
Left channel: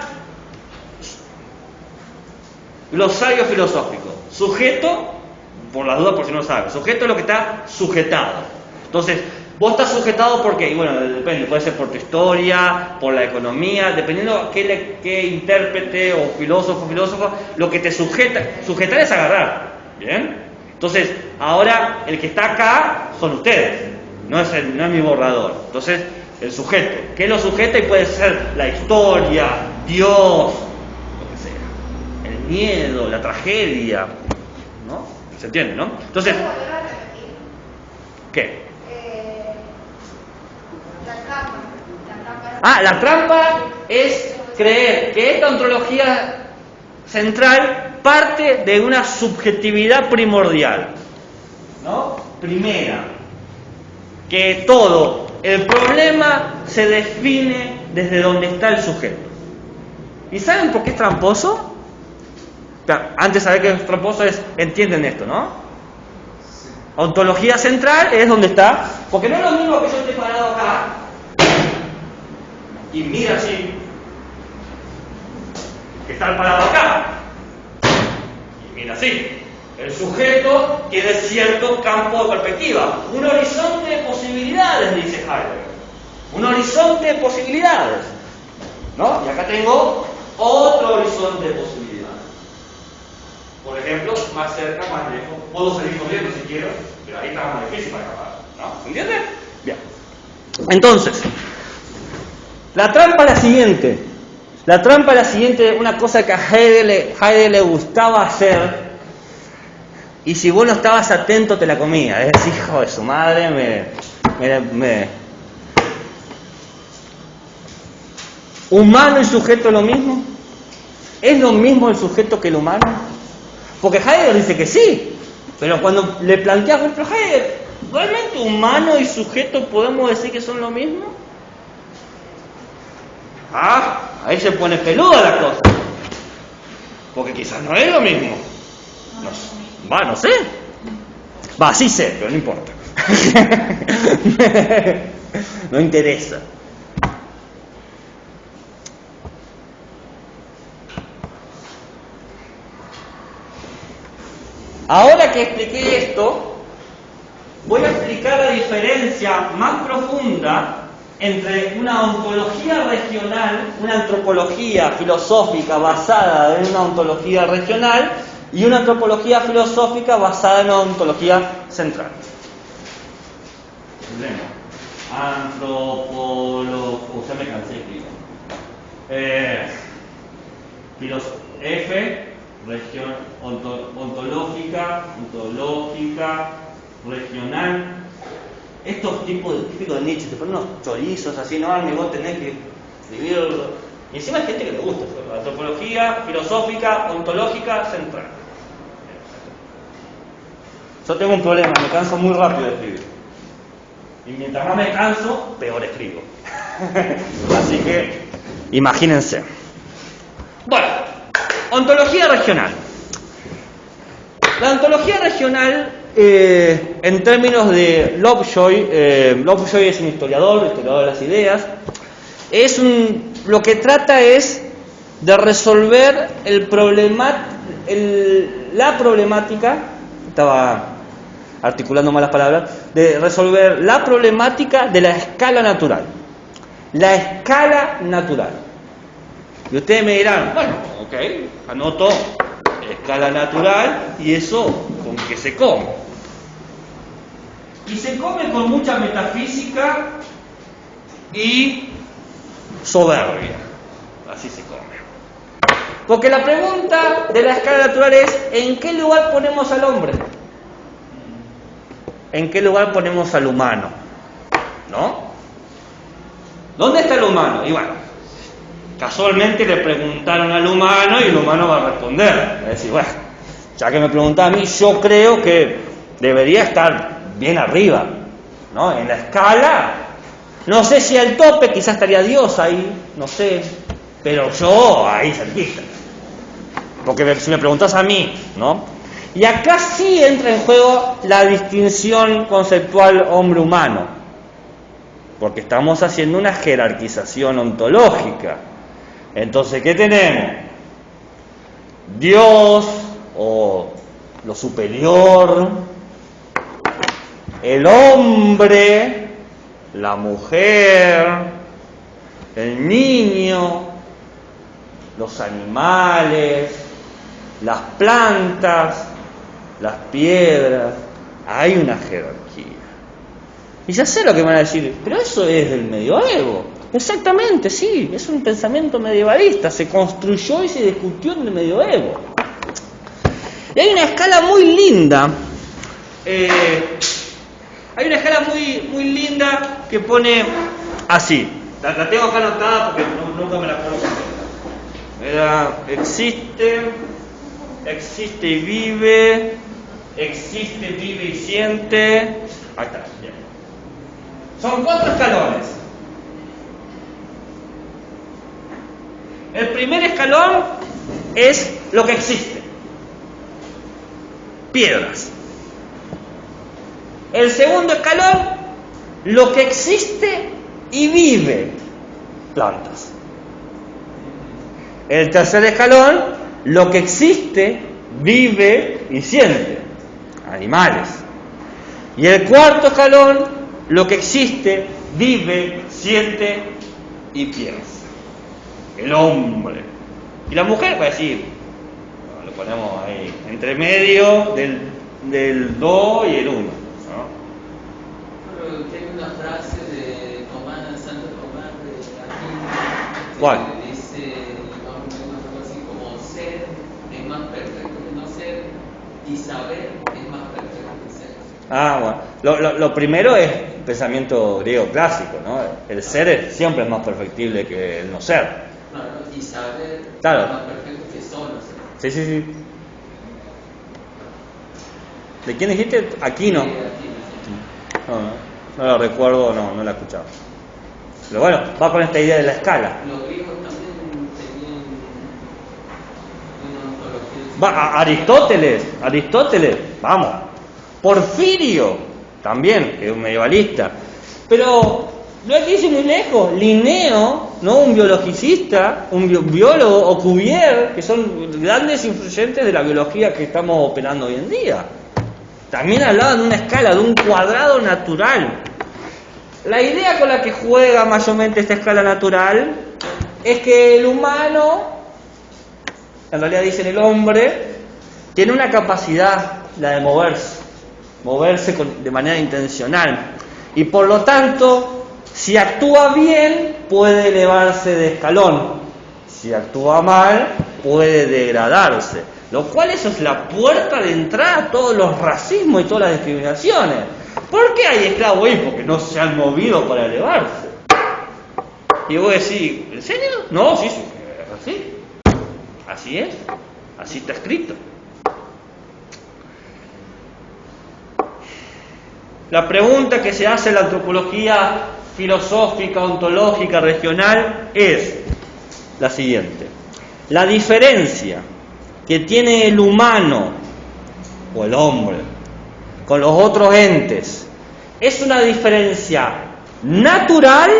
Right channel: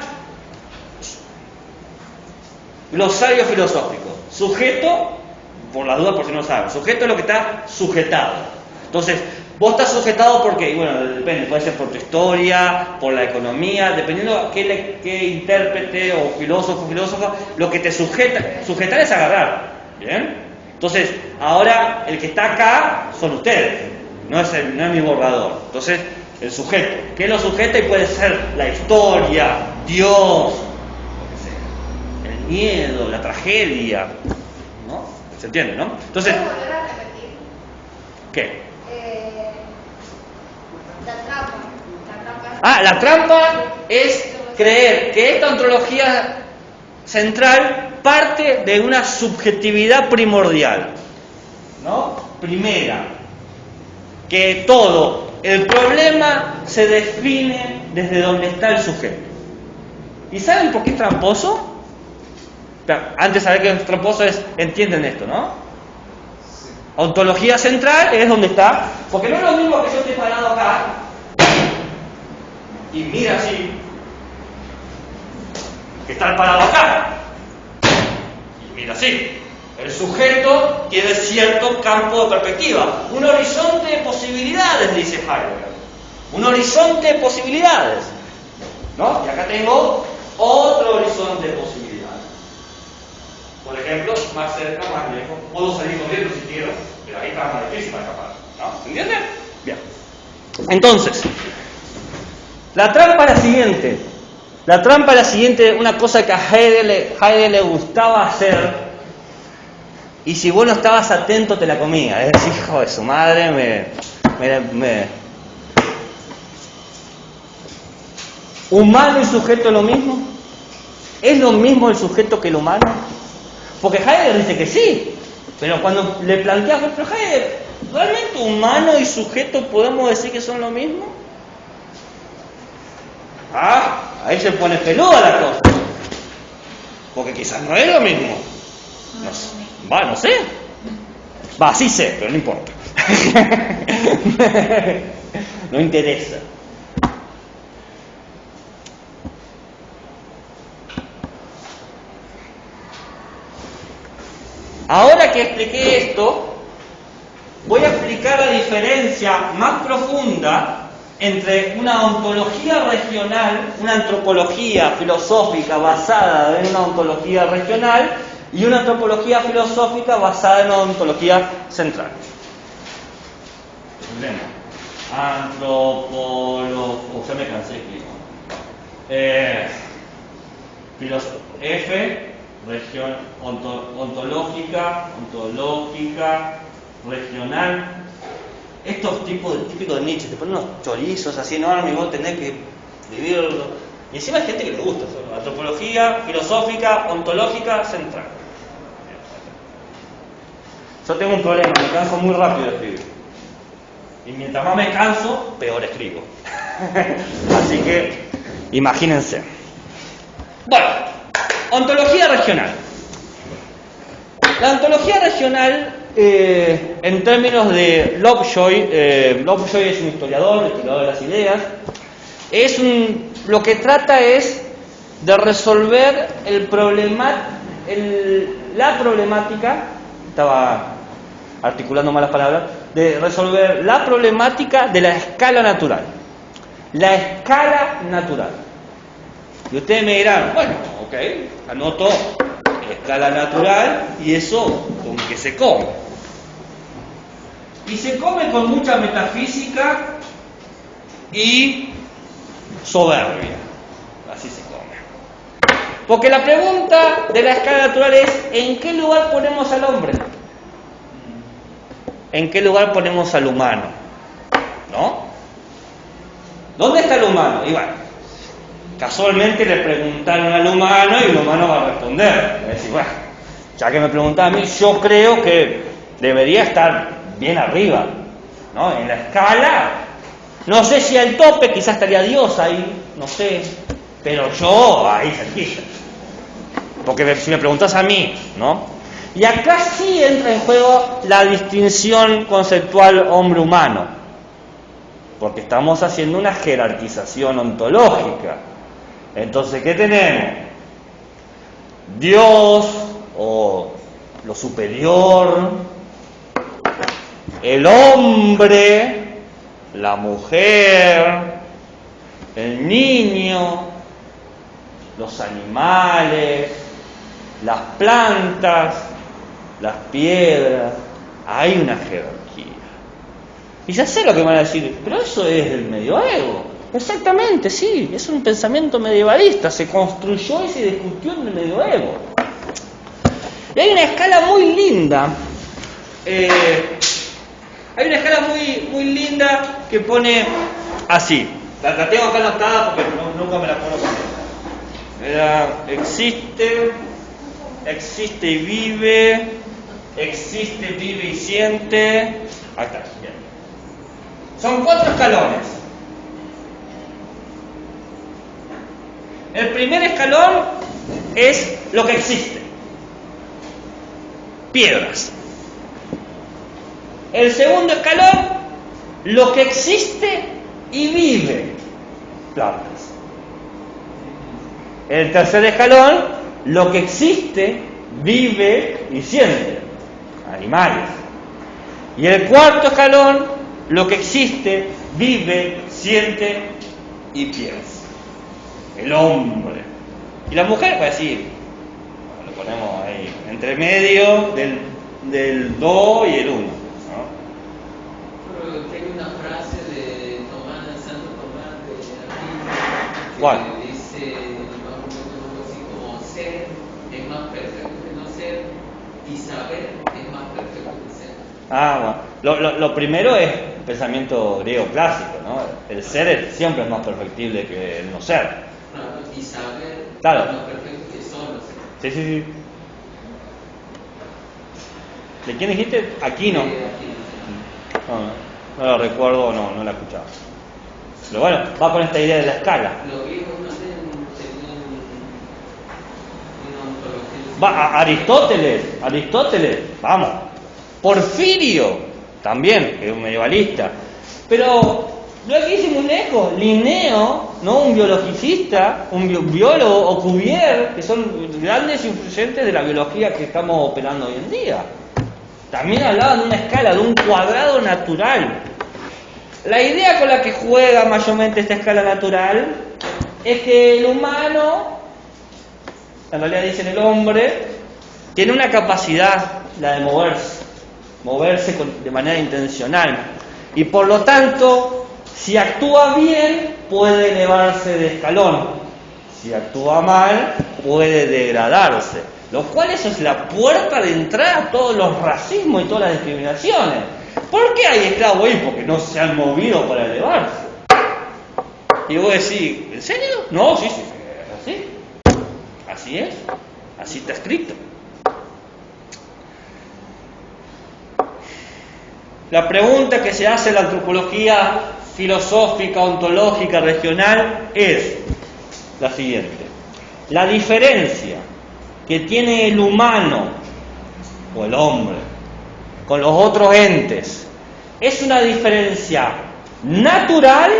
Glosario filosófico. Sujeto, por la duda, por si no saben, sujeto es lo que está sujetado. Entonces, vos estás sujetado por qué, y bueno, depende, puede ser por tu historia, por la economía, dependiendo a qué intérprete o filósofo, lo que te sujeta. Sujetar es agarrar, ¿bien? Entonces, ahora el que está acá son ustedes, no es mi borrador. Entonces, el sujeto. ¿Qué lo sujeta? Y puede ser la historia, Dios, el miedo, la tragedia, ¿no? ¿Se entiende, no? Entonces, ¿qué? La trampa. La trampa es creer que esta ontología central parte de una subjetividad primordial, ¿no? Primera, que todo el problema se define desde donde está el sujeto. ¿Y saben por qué es tramposo? Antes de saber que es tramposo entienden esto, ¿no? Ontología central es donde está, porque no es lo mismo que yo esté parado acá y mira así, que estar parado acá y mira así. El sujeto tiene cierto campo de perspectiva, un horizonte de posibilidades, dice Heidegger. Un horizonte de posibilidades, ¿no? Y acá tengo otro horizonte de posibilidades. Por ejemplo, más cerca, más lejos. Puedo salir corriendo si quiero, pero ahí está más difícil para escapar, ¿no? ¿Se entiende? Bien. Entonces, la trampa es la siguiente. La trampa es la siguiente, una cosa que a Heidegger le gustaba hacer. Y si vos no estabas atento, te la comía. Es decir, hijo de su madre, ¿Humano y sujeto es lo mismo? ¿Es lo mismo el sujeto que el humano? Porque Heidegger dice que sí. Pero cuando le planteas, pero Heidegger, ¿realmente humano y sujeto podemos decir que son lo mismo? Ahí se pone peluda la cosa. Porque quizás no es lo mismo. No sé. Sí sé, pero no importa. No interesa. Ahora que expliqué esto, voy a explicar la diferencia más profunda entre una ontología regional, una antropología filosófica basada en una ontología regional y una antropología filosófica basada en una ontología central. Ya me cansé de escribir. Región ontológica, regional. Estos típicos de Nietzsche, te ponen unos chorizos así, no, ni vos tenés que escribirlo. Y encima hay gente que le gusta eso. Antropología, filosófica, ontológica, central. Yo tengo un problema, me canso muy rápido de escribir. Y mientras más me canso, peor escribo. Así que, imagínense. Bueno, ontología regional. La ontología regional, en términos de Lovejoy, Lovejoy es un historiador de las ideas, lo que trata es de resolver la problemática, estaba articulando malas palabras, de resolver la problemática de la escala natural. La escala natural. Y ustedes me dirán, bueno, ok, anoto escala natural y eso con qué se come. Y se come con mucha metafísica y soberbia. Así se come. Porque la pregunta de la escala natural es, ¿en qué lugar ponemos al hombre? ¿En qué lugar ponemos al humano? ¿No? ¿Dónde está el humano? Y bueno, casualmente le preguntaron al humano y el humano va a responder. Es decir, bueno, ya que me preguntan a mí, yo creo que debería estar bien arriba, ¿no? En la escala, no sé si al tope, quizás estaría Dios ahí, no sé, pero yo ahí cerquita. Porque si me preguntas a mí, ¿no? Y acá sí entra en juego la distinción conceptual hombre-humano, porque estamos haciendo una jerarquización ontológica. Entonces, ¿qué tenemos? Dios, o lo superior, el hombre, la mujer, el niño, los animales, las plantas, las piedras, hay una jerarquía. Y ya sé lo que me van a decir, pero eso es del medioevo. Exactamente, sí, es un pensamiento medievalista, se construyó y se discutió en el medioevo. Y hay una escala muy linda, hay una escala muy linda que pone así, la tengo acá anotada porque nunca me la puedo contestar. Existe y vive, existe, vive y siente. Ahí está, bien. Son 4 escalones. El primer escalón es lo que existe. Piedras. El segundo escalón, lo que existe y vive. Plantas. El tercer escalón, lo que existe, vive y siente. Animales. Y el cuarto escalón, lo que existe, vive, siente y piensa. El hombre. Y la mujer va a decir, lo ponemos ahí, entre medio del 2 y el 1. ¿No? Tiene una frase de Tomás, Santo Tomás de Aquino. ¿Cuál? Que dice más o menos algo así como ser es más perfecto que no ser y saber es más perfecto que ser. Bueno. Lo primero es pensamiento griego clásico, ¿no? El ser siempre es más perfectible que el no ser. Claro, y saber Claro. es más perfecto que solo ser. Sí. ¿De quién dijiste? Aquino. No lo recuerdo, no la escuchaba. Pero bueno, va con esta idea de la escala. Los griegos también tenían una ontología. Aristóteles, vamos. Porfirio, también, es un medievalista. Pero no hay que irse muy lejos. Linneo, ¿no? Un biologicista, un biólogo, o Cuvier, que son grandes influyentes de la biología que estamos operando hoy en día. También hablaban de una escala, de un cuadrado natural. La idea con la que juega mayormente esta escala natural es que el humano, en realidad dicen el hombre, tiene una capacidad, la de moverse de manera intencional. Y por lo tanto, si actúa bien, puede elevarse de escalón. Si actúa mal, puede degradarse. Lo cual eso es la puerta de entrada a todos los racismos y todas las discriminaciones. ¿Por qué hay esclavos ahí? Porque no se han movido para elevarse. Y yo voy a decir, ¿en serio? No, sí, así. Así es. Así está escrito. La pregunta que se hace en la antropología filosófica, ontológica, regional es la siguiente. La diferencia que tiene el humano o el hombre con los otros entes, ¿es una diferencia natural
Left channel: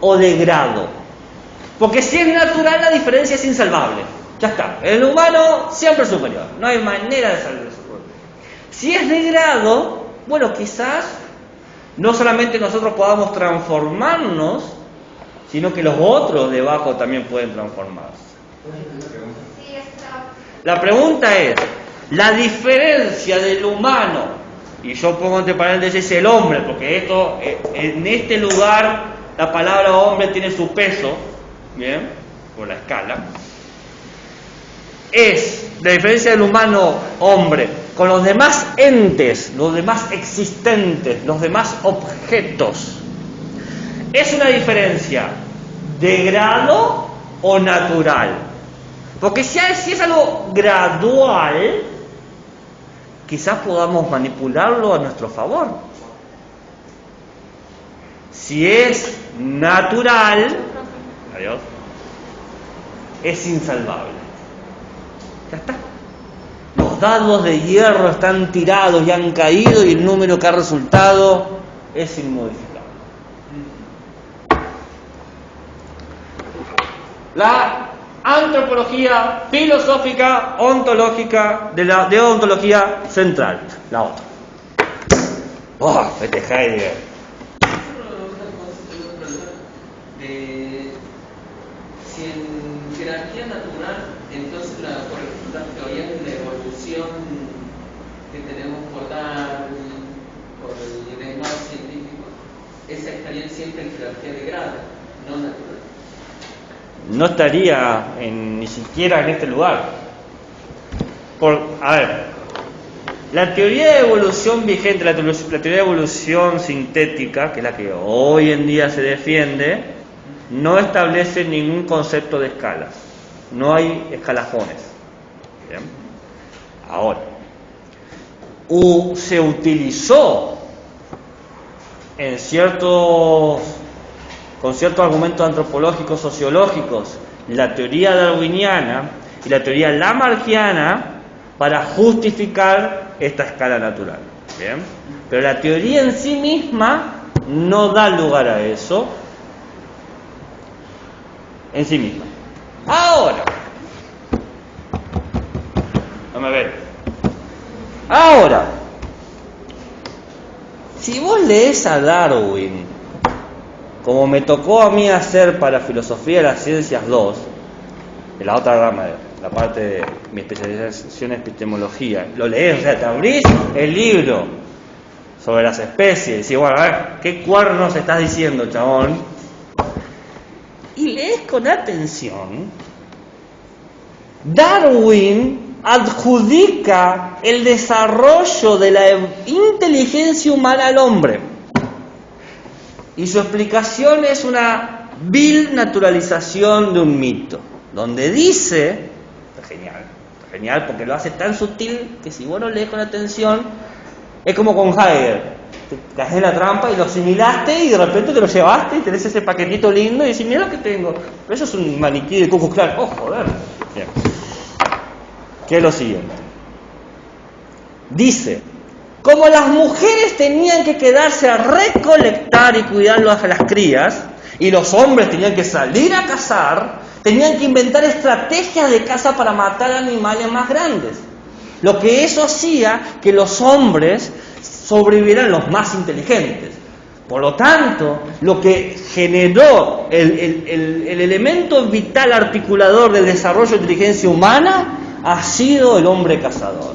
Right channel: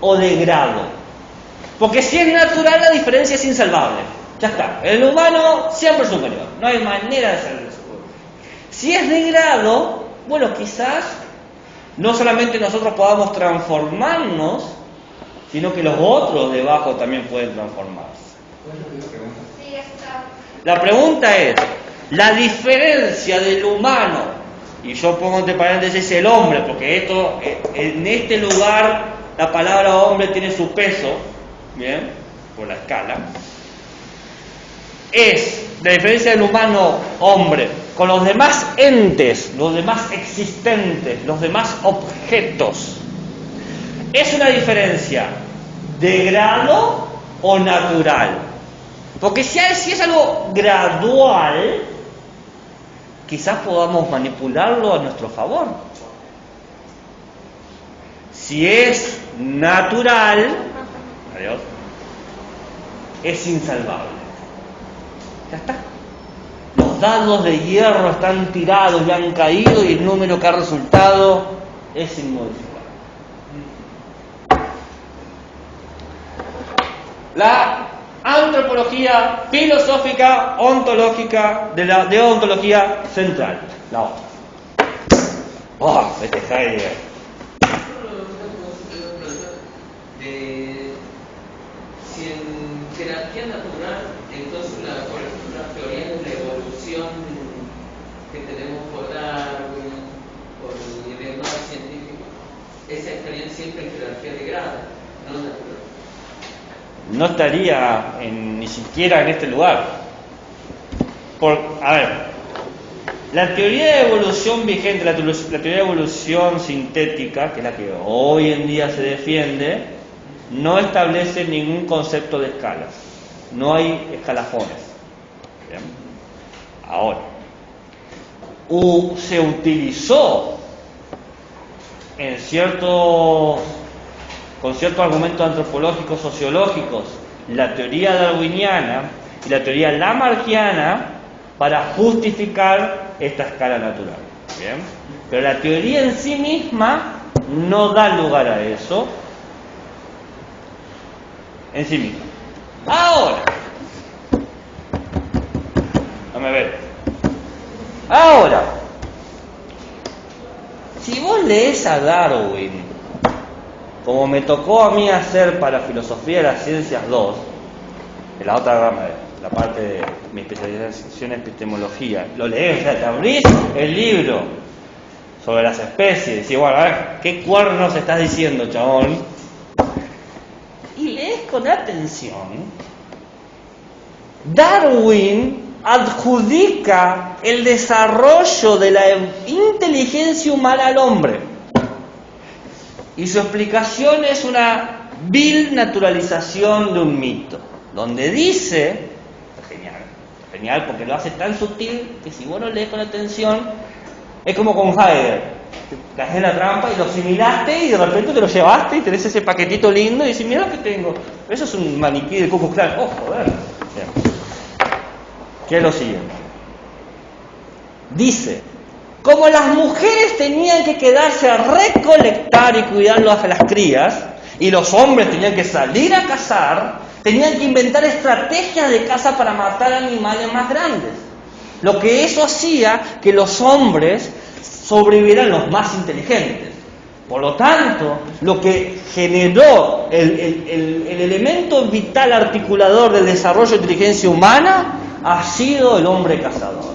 o de grado? Porque si es natural, la diferencia es insalvable. Ya está. El humano siempre es superior. No hay manera de salir de eso. Si es de grado, bueno, quizás no solamente nosotros podamos transformarnos, sino que los otros debajo también pueden transformarse. Sí, está. La pregunta es, la diferencia del humano, y yo pongo entre paréntesis el hombre, porque esto, en este lugar la palabra hombre tiene su peso, ¿bien? Por la escala. Es la diferencia del humano hombre con los demás entes, los demás existentes, los demás objetos. ¿Es una diferencia de grado o natural? Porque si es algo gradual, quizás podamos manipularlo a nuestro favor. Si es natural, adiós, es insalvable. Ya está. Los dados de hierro están tirados y han caído y el número que ha resultado es inmodificable. La antropología filosófica ontológica de ontología central, la otra. Este Heidegger. Si en jerarquía natural, entonces por ejemplo, las teorías de la evolución que tenemos por Darwin, por el nivel más científico, esa estaría en ciencia en jerarquía de grado, no natural. No estaría ni siquiera en este lugar. A ver, la teoría de evolución vigente, la teoría de evolución sintética, que es la que hoy en día se defiende, no establece ningún concepto de escalas. No hay escalafones. ¿Bien? Ahora, se utilizó con ciertos argumentos antropológicos, sociológicos, la teoría darwiniana y la teoría lamarckiana para justificar esta escala natural. ¿Bien? Pero la teoría en sí misma no da lugar a eso en sí misma. Ahora, vamos a ver. Ahora, si vos lees a Darwin, como me tocó a mí hacer para Filosofía de las Ciencias 2, que la otra rama, la parte de mi especialización en epistemología, lo lees, o sea, te abrís el libro sobre las especies, y decís, bueno, a ver, ¿qué cuernos estás diciendo, chabón? Y lees con atención, Darwin adjudica el desarrollo de la inteligencia humana al hombre. Y su explicación es una vil naturalización de un mito, donde dice, genial porque lo hace tan sutil que si vos lo lees con atención, es como con Heidegger. Te caes en la trampa y lo asimilaste y de repente te lo llevaste y tenés ese paquetito lindo y dices, mira lo que tengo. Pero eso es un maniquí de Ku Klux Klan. Oh, joder. Bien. ¿Qué es lo siguiente? Dice, como las mujeres tenían que quedarse a recolectar y cuidar a las crías, y los hombres tenían que salir a cazar, tenían que inventar estrategias de caza para matar animales más grandes. Lo que eso hacía que los hombres sobrevivieran los más inteligentes. Por lo tanto, lo que generó el elemento vital articulador del desarrollo de inteligencia humana ha sido el hombre cazador.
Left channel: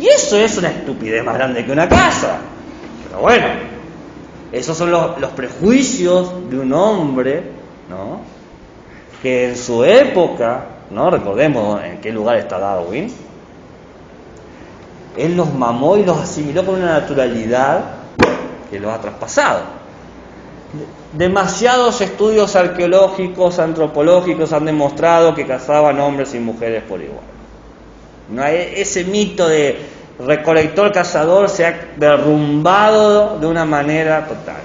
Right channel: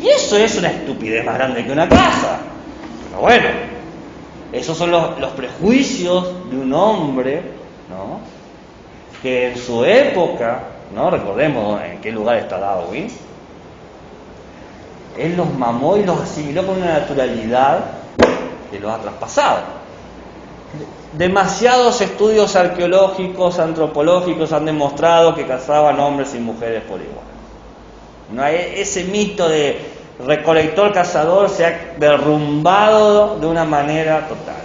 Y eso es una estupidez más grande que una casa. Pero bueno, esos son los prejuicios de un hombre, ¿no? Que en su época, ¿no? Recordemos en qué lugar está Darwin. Él los mamó y los asimiló con una naturalidad que los ha traspasado. Demasiados estudios arqueológicos, antropológicos han demostrado que cazaban hombres y mujeres por igual. No, ese mito de recolector-cazador se ha derrumbado de una manera total.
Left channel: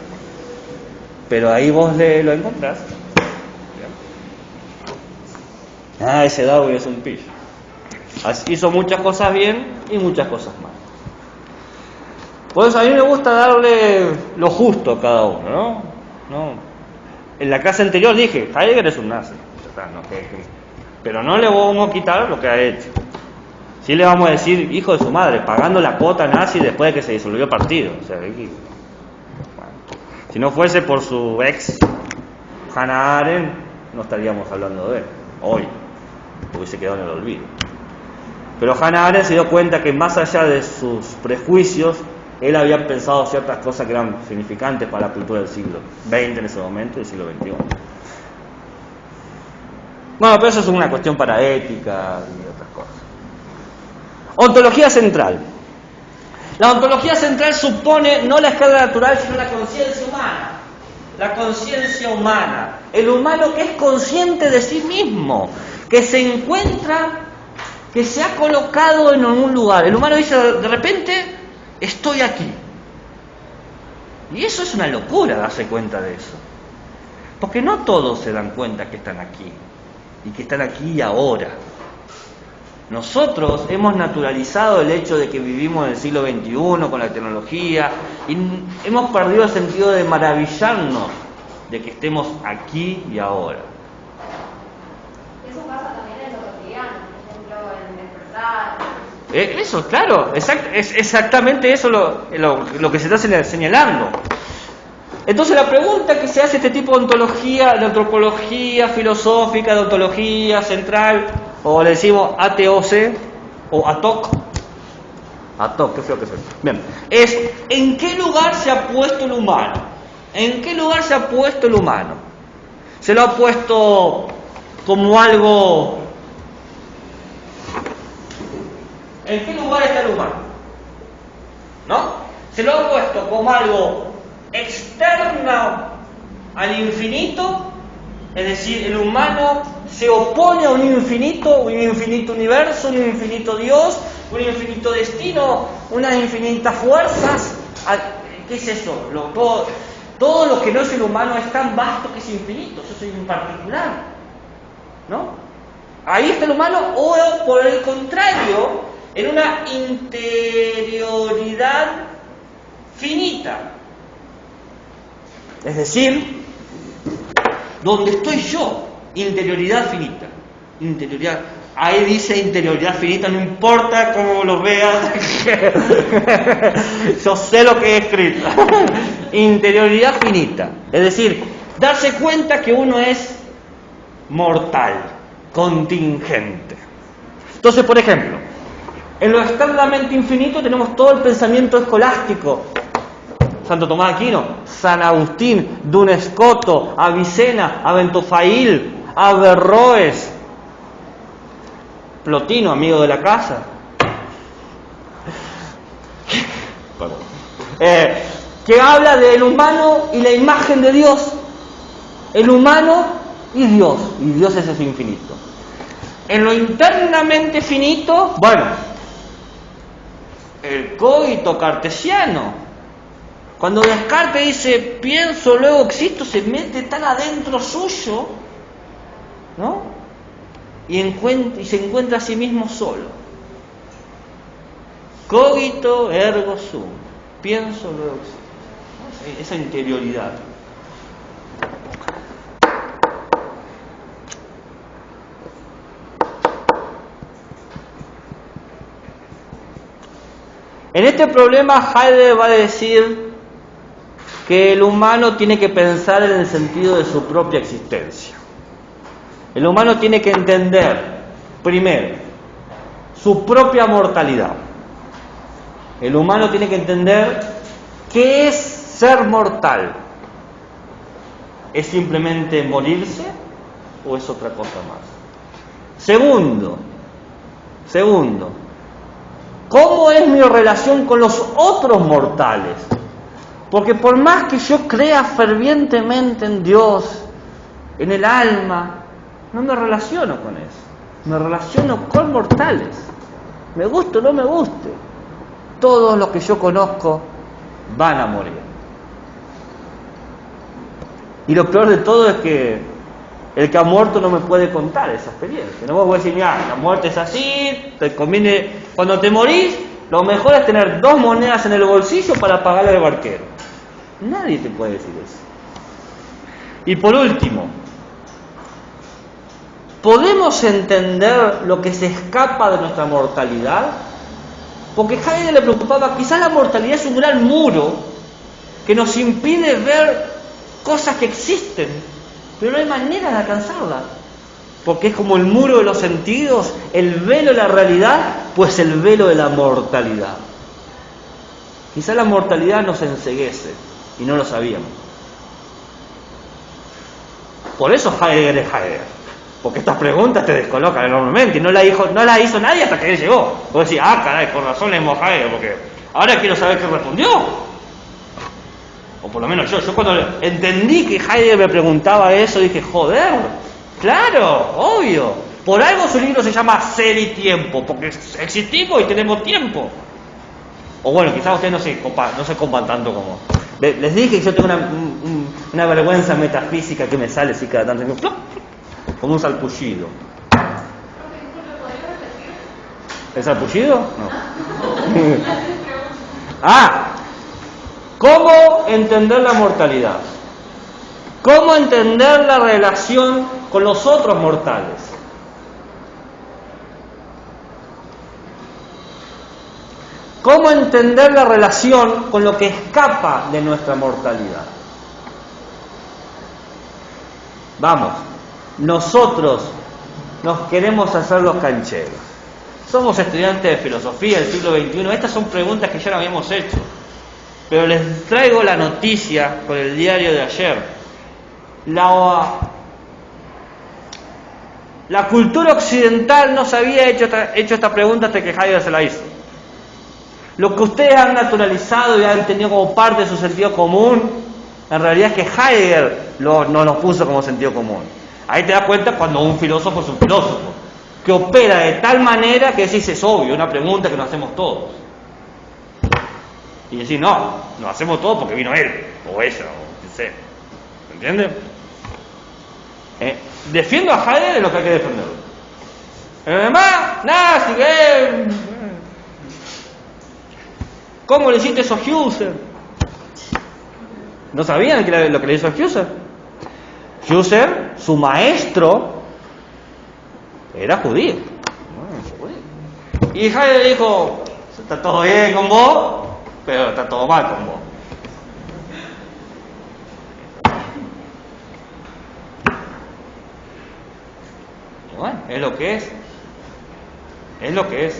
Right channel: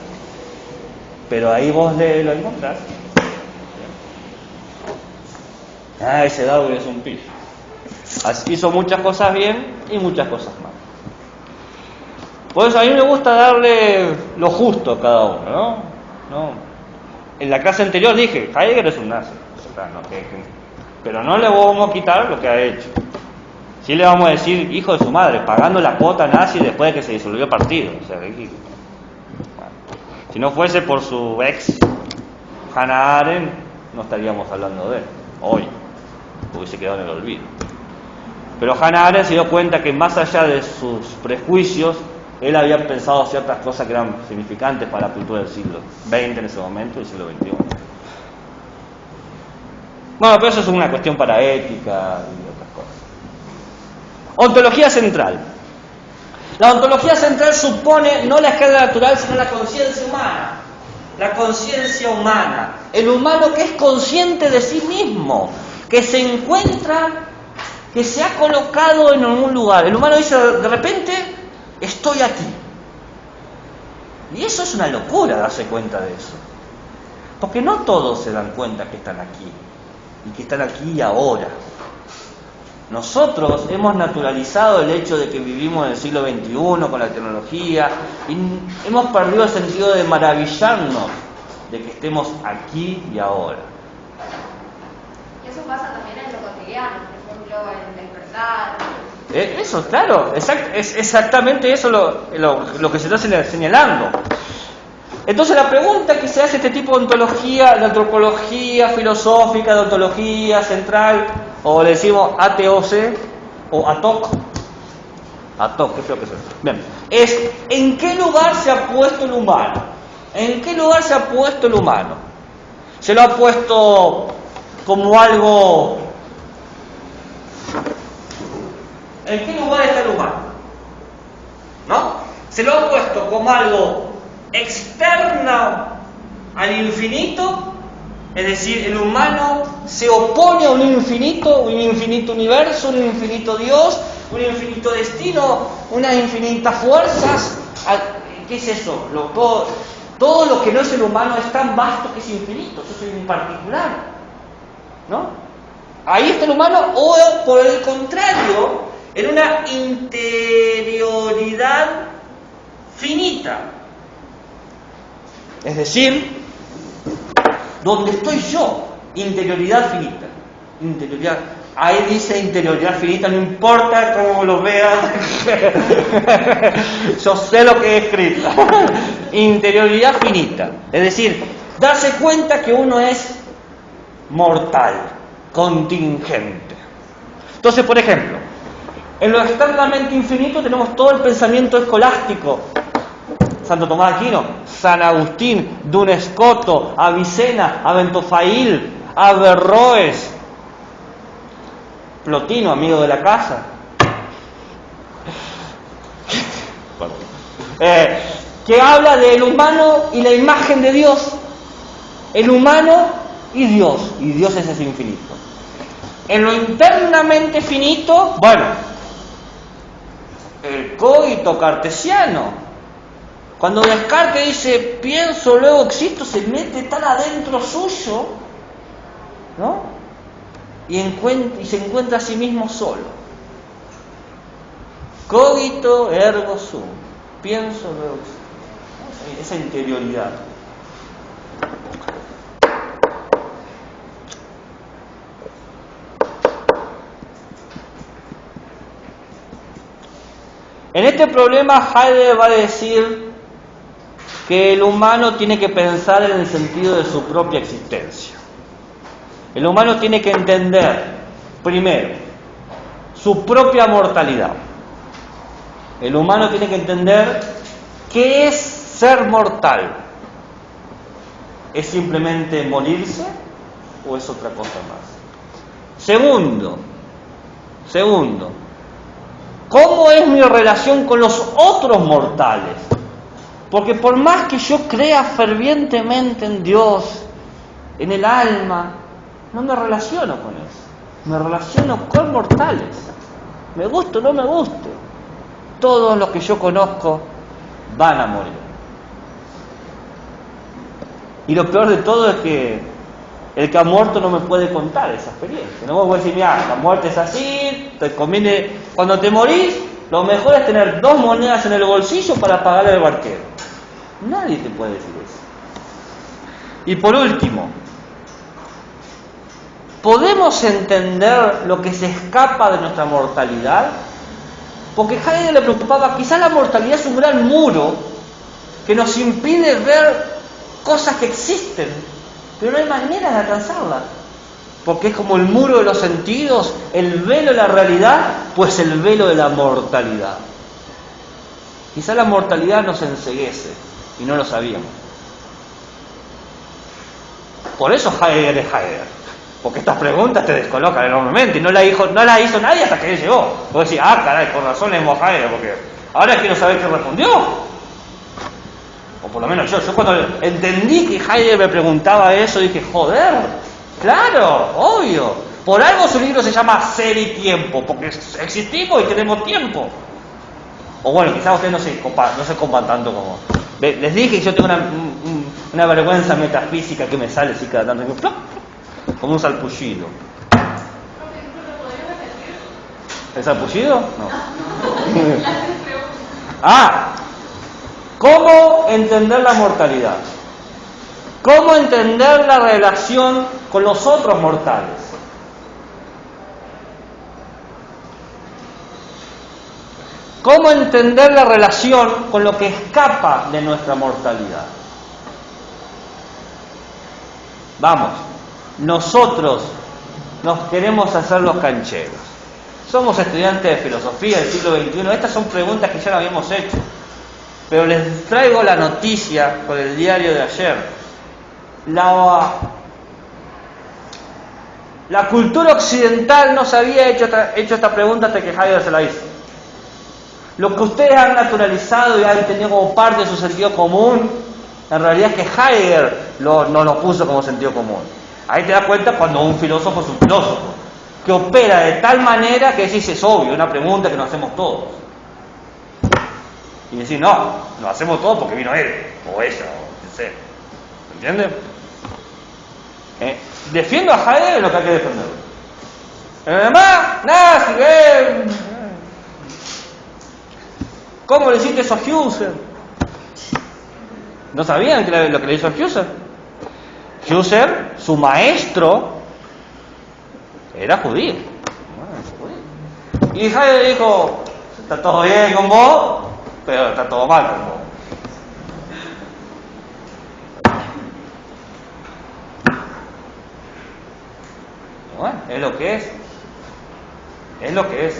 Pero ahí vos lo encontrás. Ese Darwin es un pillo. Hizo muchas cosas bien y muchas cosas mal. Por eso a mí me gusta darle lo justo a cada uno, ¿no? En la clase anterior dije, Heidegger es un nazi. Pero no le vamos a quitar lo que ha hecho. Sí le vamos a decir, hijo de su madre, pagando la cuota nazi después de que se disolvió el partido. O sea, si no fuese por su ex, Hannah Arendt, no estaríamos hablando de él hoy. Hubiese quedado en el olvido. Pero Hannah Arendt se dio cuenta que más allá de sus prejuicios, él había pensado ciertas cosas que eran significantes para la cultura del siglo XX en ese momento y del siglo XXI. Bueno, pero eso es una cuestión para ética y otras cosas. Ontología central. La ontología central supone no la escala natural, sino la conciencia humana. La conciencia humana. El humano que es consciente de sí mismo, que se encuentra, que se ha colocado en algún lugar. El humano dice, de repente, estoy aquí. Y eso es una locura, darse cuenta de eso. Porque no todos se dan cuenta que están aquí. Y que están aquí y ahora. Nosotros hemos naturalizado el hecho de que vivimos en el siglo XXI con la tecnología y hemos perdido el sentido de maravillarnos de que estemos aquí y ahora. Eso pasa también en lo cotidiano, por ejemplo, en despertar. Eso, claro, es exactamente eso lo que se está señalando. Entonces la pregunta que se hace este tipo de ontología, de antropología filosófica, de ontología central, o le decimos ATOC o ATOC, A todos, qué feo que es esto. Bien, es ¿en qué lugar se ha puesto el humano? ¿En qué lugar se ha puesto el humano? Se lo ha puesto como algo... ¿En qué lugar está el humano? ¿No? Se lo ha puesto como algo externo al infinito, es decir, el humano se opone a un infinito universo, un infinito Dios, un infinito destino, unas infinitas fuerzas. ¿Qué es eso? Todo lo que no es el humano es tan vasto que es infinito, eso es en particular, ¿no? Ahí está el humano, o por el contrario, en una interioridad finita. Es decir, donde estoy yo, interioridad finita. Interioridad. Ahí dice interioridad finita, no importa cómo lo veas. Yo sé lo que he escrito. Interioridad finita. Es decir, darse cuenta que uno es mortal, contingente. Entonces, por ejemplo, en lo externamente infinito tenemos todo el pensamiento escolástico. Santo Tomás de Aquino, San Agustín, Duns Scotus, Avicena, Aventofail, Averroes, Plotino, amigo de la casa, que habla del humano y la imagen de Dios, el humano y Dios es ese infinito. En lo internamente finito, bueno, el cogito cartesiano. Cuando Descartes dice pienso, luego existo, se mete tan adentro suyo, ¿no? Y se encuentra a sí mismo solo. Cogito ergo sum. Pienso, luego existo. Esa interioridad. En este problema Heidegger va a decir que el humano tiene que pensar en el sentido de su propia existencia. El humano tiene que entender, primero, su propia mortalidad. El humano tiene que entender qué es ser mortal. ¿Es simplemente morirse o es otra cosa más? Segundo, ¿cómo es mi relación con los otros mortales? Porque por más que yo crea fervientemente en Dios, en el alma, no me relaciono con eso. Me relaciono con mortales. Me guste o no me guste. Todos los que yo conozco van a morir. Y lo peor de todo es que el que ha muerto no me puede contar esa experiencia. No me puede decir, mira, la muerte es así, te conviene, cuando te morís, lo mejor es tener 2 monedas en el bolsillo para pagarle al barquero. Nadie te puede decir eso. Y por último, ¿podemos entender lo que se escapa de nuestra mortalidad? Porque a Heidegger le preocupaba, quizás la mortalidad es un gran muro que nos impide ver cosas que existen, pero no hay manera de alcanzarla. Porque es como el muro de los sentidos, el velo de la realidad, pues el velo de la mortalidad. Quizás la mortalidad nos enceguece y no lo sabíamos. Por eso Heidegger es Heidegger. Porque estas preguntas te descolocan enormemente y no las hizo nadie hasta que él llegó. Vos decís, caray, con razón es Heidegger, porque ahora quiero saber qué respondió. O por lo menos yo cuando entendí que Heidegger me preguntaba eso, dije, joder, claro, obvio. Por algo su libro se llama Ser y Tiempo, porque existimos y tenemos tiempo. O bueno, quizás ustedes no se copan tanto como... Les dije que yo tengo una vergüenza metafísica que me sale así cada tanto, como un salpullido. ¿El salpullido? No. ¿Cómo entender la mortalidad? ¿Cómo entender la relación con los otros mortales? ¿Cómo entender la relación con lo que escapa de nuestra mortalidad? Vamos, nosotros nos queremos hacer los cancheros. Somos estudiantes de filosofía del siglo XXI. Estas son preguntas que ya las habíamos hecho. Pero les traigo la noticia con el diario de ayer. La cultura occidental no se había hecho esta pregunta hasta que Heidegger se la hizo. Lo que ustedes han naturalizado y han tenido como parte de su sentido común, en realidad es que Heidegger no lo puso como sentido común. Ahí te das cuenta cuando un filósofo es un filósofo, que opera de tal manera que decís, es obvio, una pregunta que nos hacemos todos. Y decís, no, nos hacemos todos porque vino él, o ella, o quien sea. ¿Entiendes? Defiendo a Heidegger lo que hay que defender. Pero además, nada, si ven. ¿Cómo le hiciste eso a Husserl? ¿No sabían lo que le hizo a Husserl? Husserl, su maestro, era judío. Y Heidegger dijo, está todo bien con vos, pero está todo mal con vos. Bueno, es lo que es. Es lo que es.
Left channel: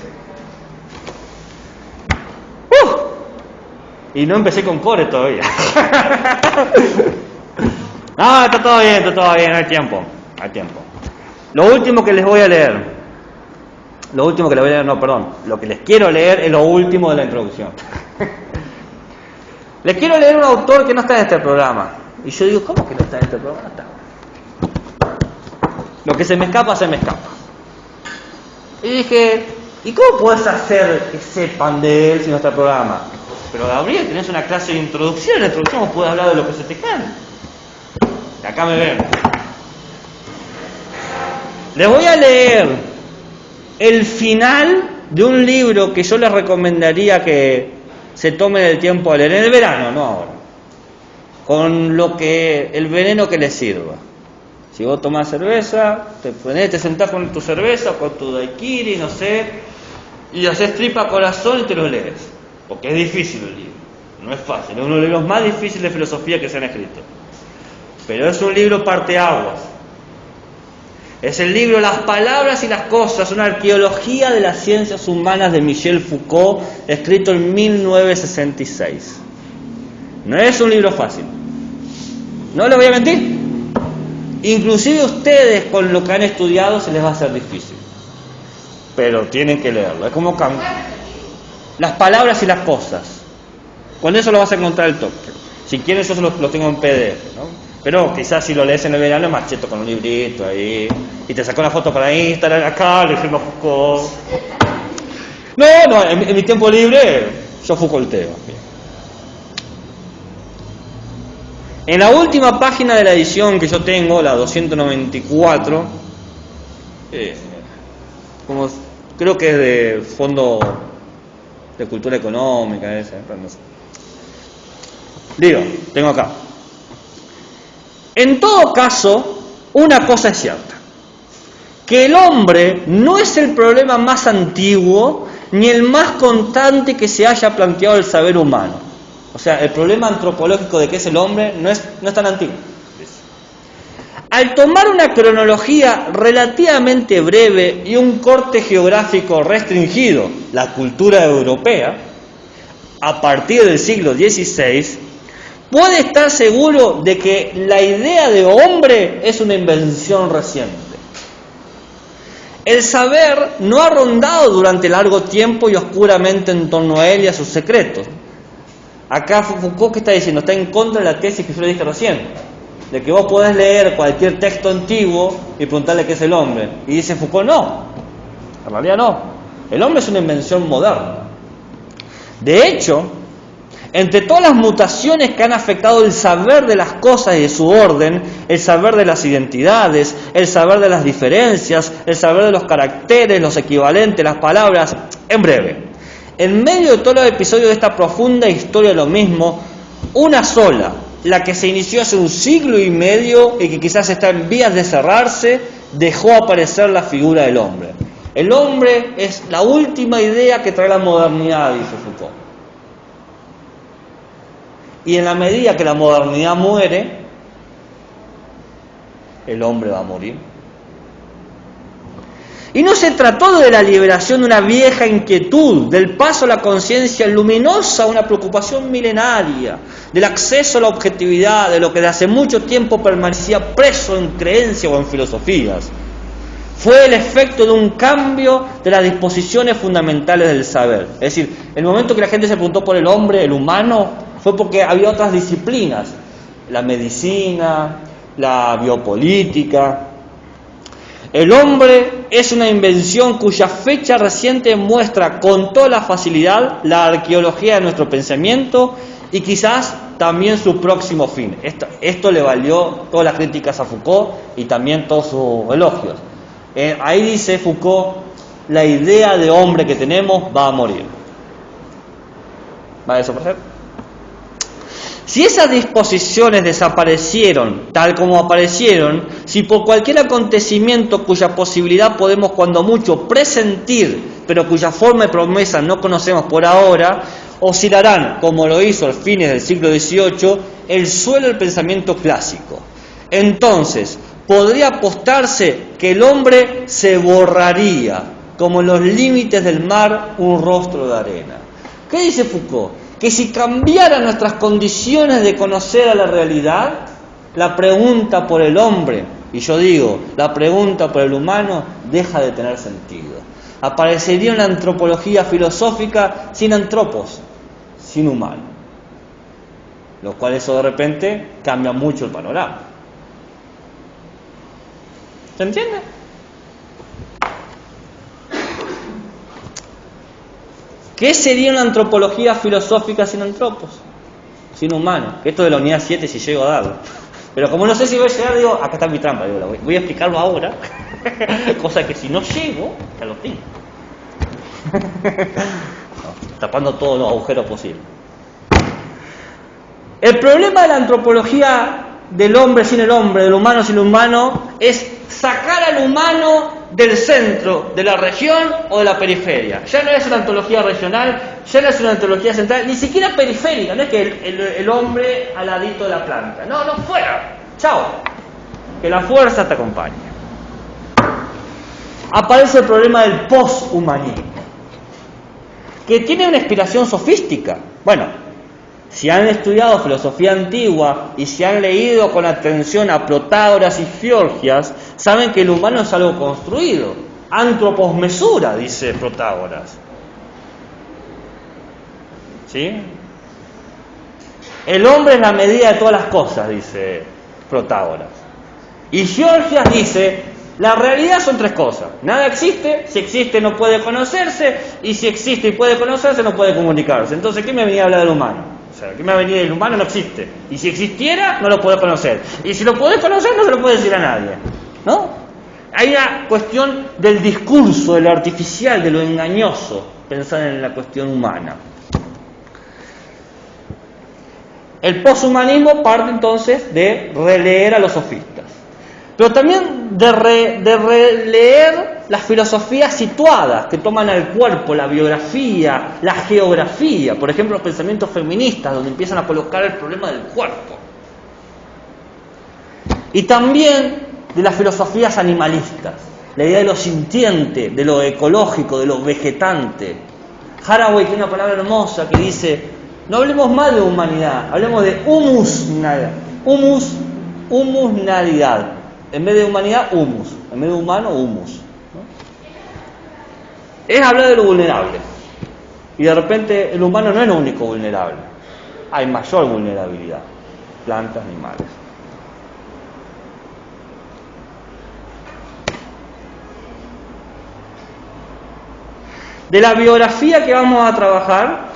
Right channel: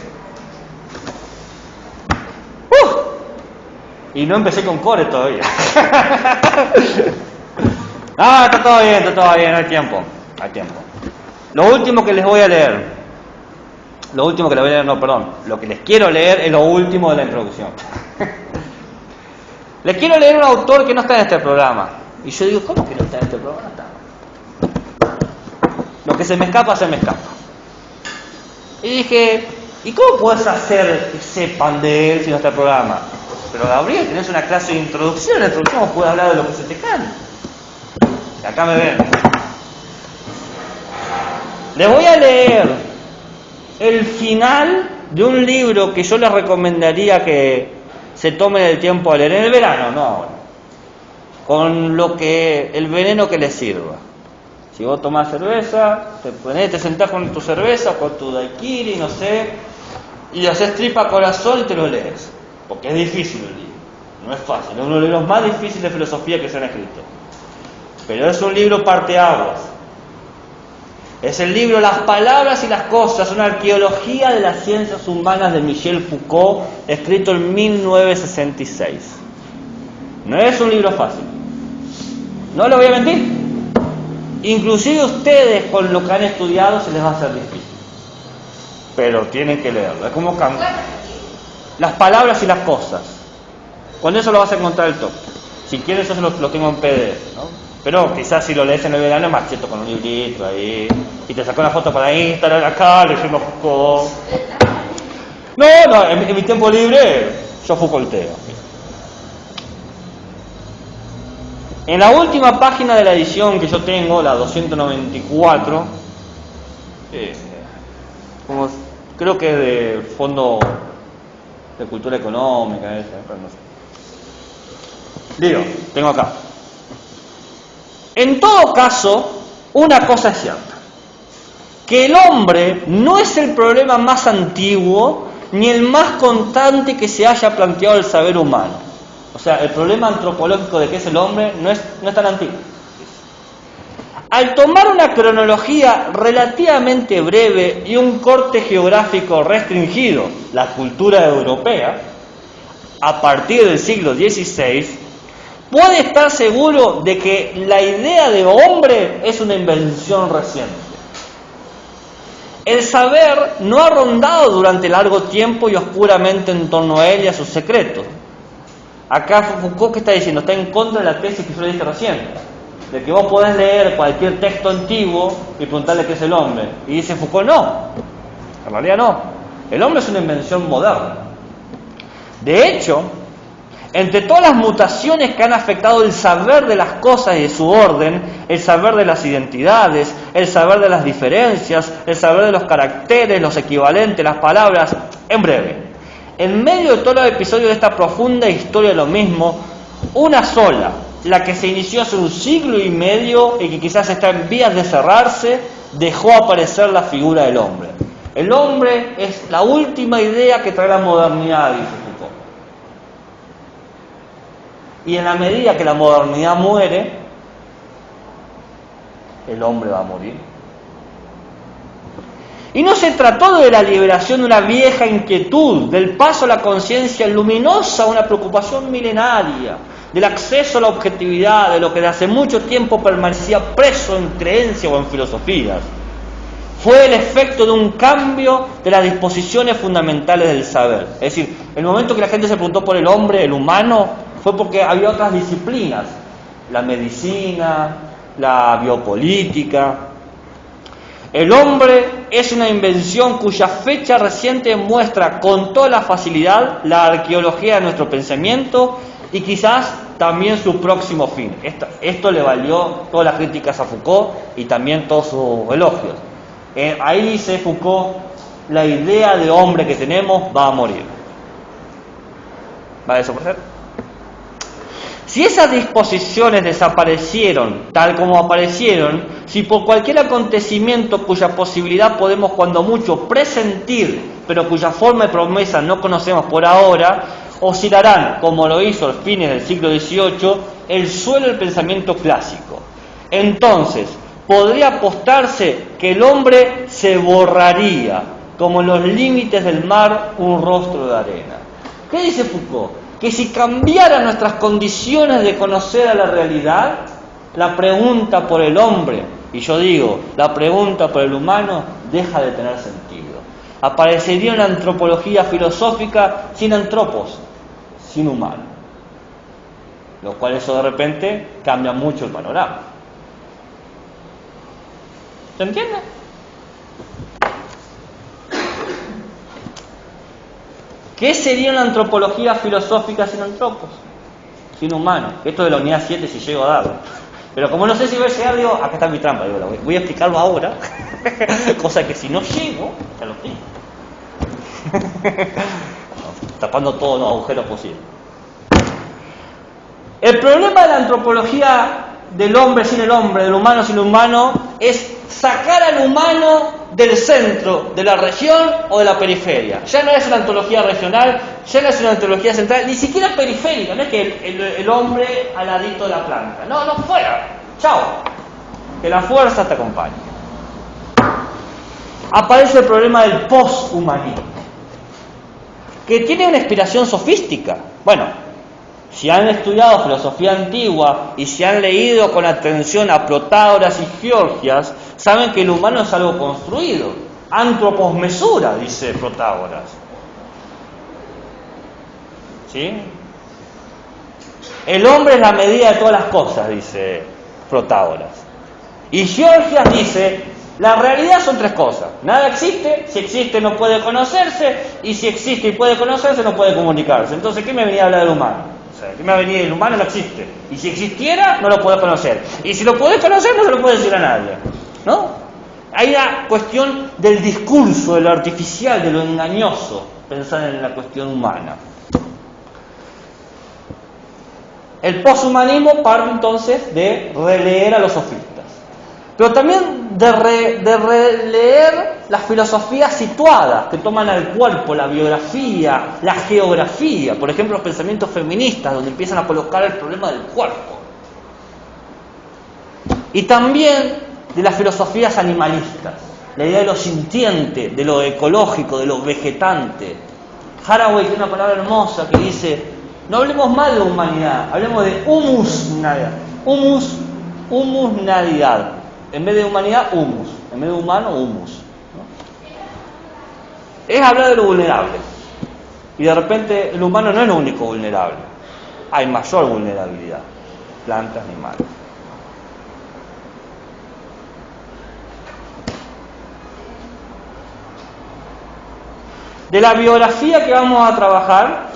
Y no empecé con core todavía. No, está todo bien, hay tiempo. Lo último que les voy a leer. Lo que les quiero leer es lo último de la introducción. Les quiero leer un autor que no está en este programa. Y yo digo, ¿cómo que no está en este programa? No está. Lo que se me escapa, se me escapa. Y dije, ¿y cómo puedes hacer que sepan de él si no está en el programa? Pero Gabriel, tenés una clase de introducción. En la introducción puedes hablar de lo que se te canta. Y acá me ven. Les voy a leer el final de un libro que yo les recomendaría que se tomen el tiempo a leer en el verano, no ahora. Con el veneno que les sirva. Si vos tomás cerveza, te sentás con tu cerveza, con tu daiquiri, no sé, y haces tripa corazón y te lo lees. Porque es difícil el libro, no es fácil, es uno de los libros más difíciles de filosofía que se han escrito. Pero es un libro parteaguas. Es el libro Las palabras y las cosas, una arqueología de las ciencias humanas de Michel Foucault, escrito en 1966. No es un libro fácil. No les voy a mentir. Inclusive ustedes con lo que han estudiado se les va a hacer difícil. Pero tienen que leerlo. Es como las palabras y las cosas. Con eso lo vas a encontrar el toque. Si quieres eso lo tengo en PDF, ¿no? Pero quizás si lo lees en el verano, macheto con un librito ahí. Y te sacó una foto para Instagram acá, leyendo Foucault. No, en mi tiempo libre yo Foucaulteo. En la última página de la edición que yo tengo, la 294, creo que es de Fondo de Cultura Económica, no sé. Digo, tengo acá. En todo caso, una cosa es cierta, que el hombre no es el problema más antiguo ni el más constante que se haya planteado el saber humano. O sea, el problema antropológico de qué es el hombre no es tan antiguo. Al tomar una cronología relativamente breve y un corte geográfico restringido, la cultura europea, a partir del siglo XVI, puede estar seguro de que la idea de hombre es una invención reciente. El saber no ha rondado durante largo tiempo y oscuramente en torno a él y a sus secretos. Acá Foucault, ¿qué está diciendo? Está en contra de la tesis que yo le dije recién, de que vos podés leer cualquier texto antiguo y preguntarle qué es el hombre. Y dice Foucault, no, en realidad no. El hombre es una invención moderna. De hecho, entre todas las mutaciones que han afectado el saber de las cosas y de su orden, el saber de las identidades, el saber de las diferencias, el saber de los caracteres, los equivalentes, las palabras, en breve, en medio de todos los episodios de esta profunda historia de lo mismo, una sola, la que se inició hace 1 siglo y medio y que quizás está en vías de cerrarse, dejó aparecer la figura del hombre. El hombre es la última idea que trae la modernidad, dice Foucault. Y en la medida que la modernidad muere, el hombre va a morir. Y no se trató de la liberación de una vieja inquietud, del paso a la conciencia luminosa, una preocupación milenaria, del acceso a la objetividad, de lo que de hace mucho tiempo permanecía preso en creencias o en filosofías. Fue el efecto de un cambio de las disposiciones fundamentales del saber. Es decir, el momento que la gente se preguntó por el hombre, el humano, fue porque había otras disciplinas, la medicina, la biopolítica. El hombre es una invención cuya fecha reciente muestra con toda la facilidad la arqueología de nuestro pensamiento y quizás también su próximo fin. Esto le valió todas las críticas a Foucault y también todos sus elogios. Ahí dice Foucault, la idea de hombre que tenemos va a morir. ¿Va a desaparecer? Si esas disposiciones desaparecieron tal como aparecieron, si por cualquier acontecimiento cuya posibilidad podemos cuando mucho presentir, pero cuya forma y promesa no conocemos por ahora, oscilarán, como lo hizo a fines del siglo XVIII, el suelo del pensamiento clásico. Entonces, podría apostarse que el hombre se borraría, como en los límites del mar un rostro de arena. ¿Qué dice Foucault? Que si cambiaran nuestras condiciones de conocer a la realidad, la pregunta por el hombre, y yo digo, la pregunta por el humano, deja de tener sentido. Aparecería una antropología filosófica sin antropos, sin humano. Lo cual eso de repente cambia mucho el panorama. ¿Se entiende? ¿Qué sería una antropología filosófica sin antropos? Sin humanos. Esto de la unidad 7 si llego a darlo. Pero como no sé si voy a llegar, digo, acá está mi trampa, digo, voy a explicarlo ahora. Cosa que si no llego, ya lo tengo. Tapando todos los agujeros posibles. El problema de la antropología del hombre sin el hombre, del humano sin el humano, es sacar al humano del centro de la región o de la periferia. Ya no es una ontología regional, ya no es una ontología central, ni siquiera periférica, no es que el hombre al ladito de la planta. No, fuera. Chao. Que la fuerza te acompañe. Aparece el problema del poshumanismo, que tiene una inspiración sofística. Bueno, si han estudiado filosofía antigua y si han leído con atención a Protágoras y Fiorgias, saben que el humano es algo construido. Antropos mesura, dice Protágoras. ¿Sí? El hombre es la medida de todas las cosas, dice Protágoras. Y Fiorgias dice, la realidad son tres cosas. Nada existe, si existe no puede conocerse, y si existe y puede conocerse no puede comunicarse. Entonces, ¿qué me venía a hablar del humano? O sea, ¿qué me venía? El humano no existe. Y si existiera, no lo puede conocer. Y si lo puede conocer, no se lo puede decir a nadie. ¿No? Hay una cuestión del discurso, de lo artificial, de lo engañoso, pensar en la cuestión humana. El poshumanismo parte entonces de releer a los sofistas, pero también de releer las filosofías situadas que toman al cuerpo, la biografía, la geografía, por ejemplo los pensamientos feministas, donde empiezan a colocar el problema del cuerpo. Y también de las filosofías animalistas, la idea de lo sintiente, de lo ecológico, de lo vegetante. Haraway tiene una palabra hermosa que dice, no hablemos más de humanidad, hablemos de humusnalidad. En vez de humanidad, humus. En vez de humano, humus. ¿No? Es hablar de lo vulnerable. Y de repente el humano no es lo único vulnerable. Hay mayor vulnerabilidad. Plantas, animales. De la biografía que vamos a trabajar,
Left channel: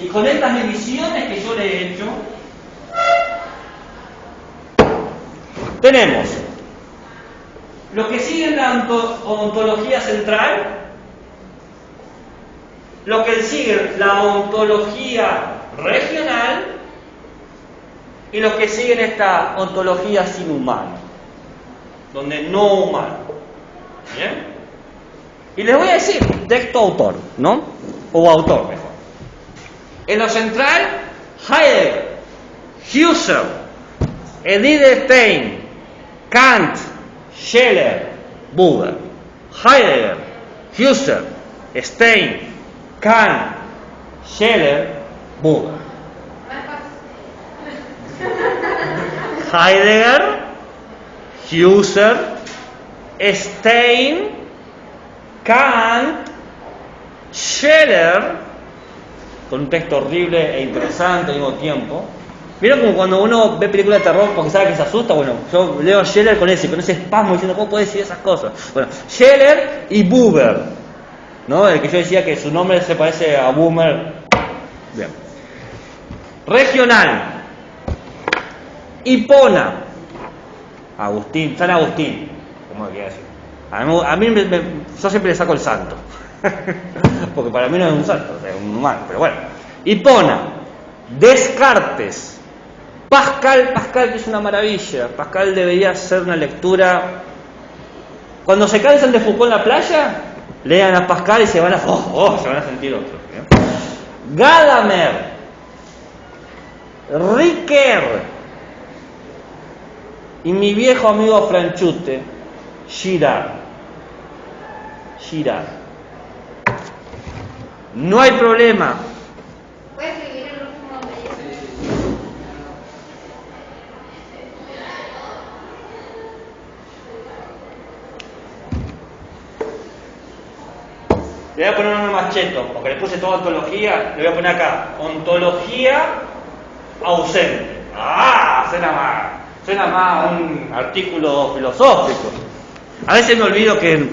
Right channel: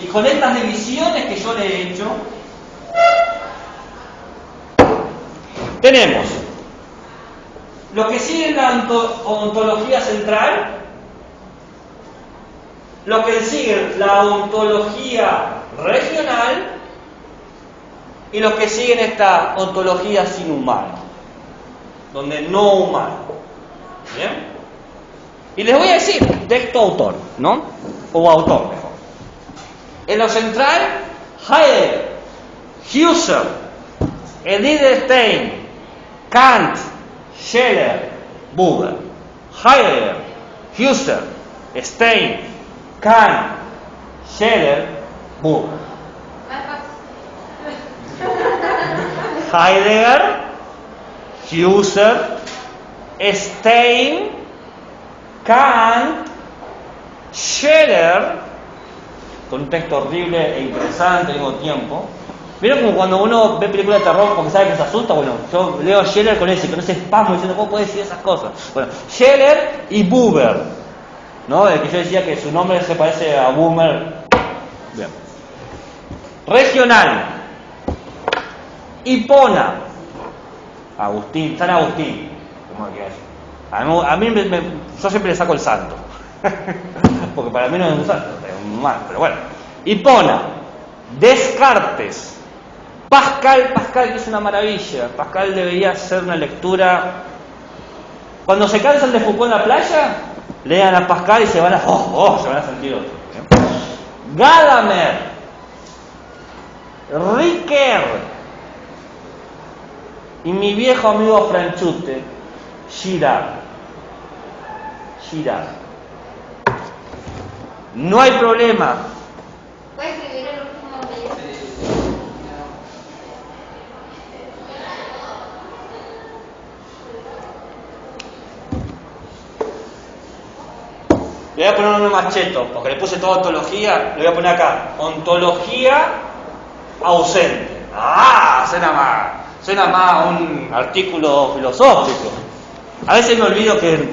y con estas divisiones que yo le he hecho, tenemos lo que sigue en la ontología central, lo que sigue la ontología regional y lo que sigue en esta ontología sin humano, donde no humano. ¿Bien? Y les voy a decir, texto-autor, ¿no? O autor, mejor. En lo central, Heidegger, Husserl, Edith Stein, Kant, Scheler, Buber. Heidegger, Husserl, Stein, Kant, Scheler, Buber. Heidegger, Husserl, Stein, Kant, Scheler, con un texto horrible e interesante al mismo tiempo. ¿Vieron como cuando uno ve películas de terror porque sabe que se asusta? Bueno, yo leo a Scheler con ese espasmo diciendo, ¿cómo puede decir esas cosas? Bueno, Scheler y Buber, ¿no? El que yo decía que su nombre se parece a Buber. Bien. Regional. Hipona. Agustín, San Agustín, como que decir. A mí yo siempre le saco el santo. Porque para mí no es un santo, es un humano, pero bueno. Hipona. Descartes. Pascal, que es una maravilla. Pascal debería ser una lectura. Cuando se cansan de Foucault en la playa, lean a Pascal y se van a sentir otro. Gadamer, Ricoeur y mi viejo amigo Franchute, Girard. No hay problema. ¿Puedes escribir el último apellido? Le voy a poner uno más cheto, porque le puse toda ontología, le voy a poner acá, ontología ausente. Suena más a un artículo filosófico. A veces me olvido que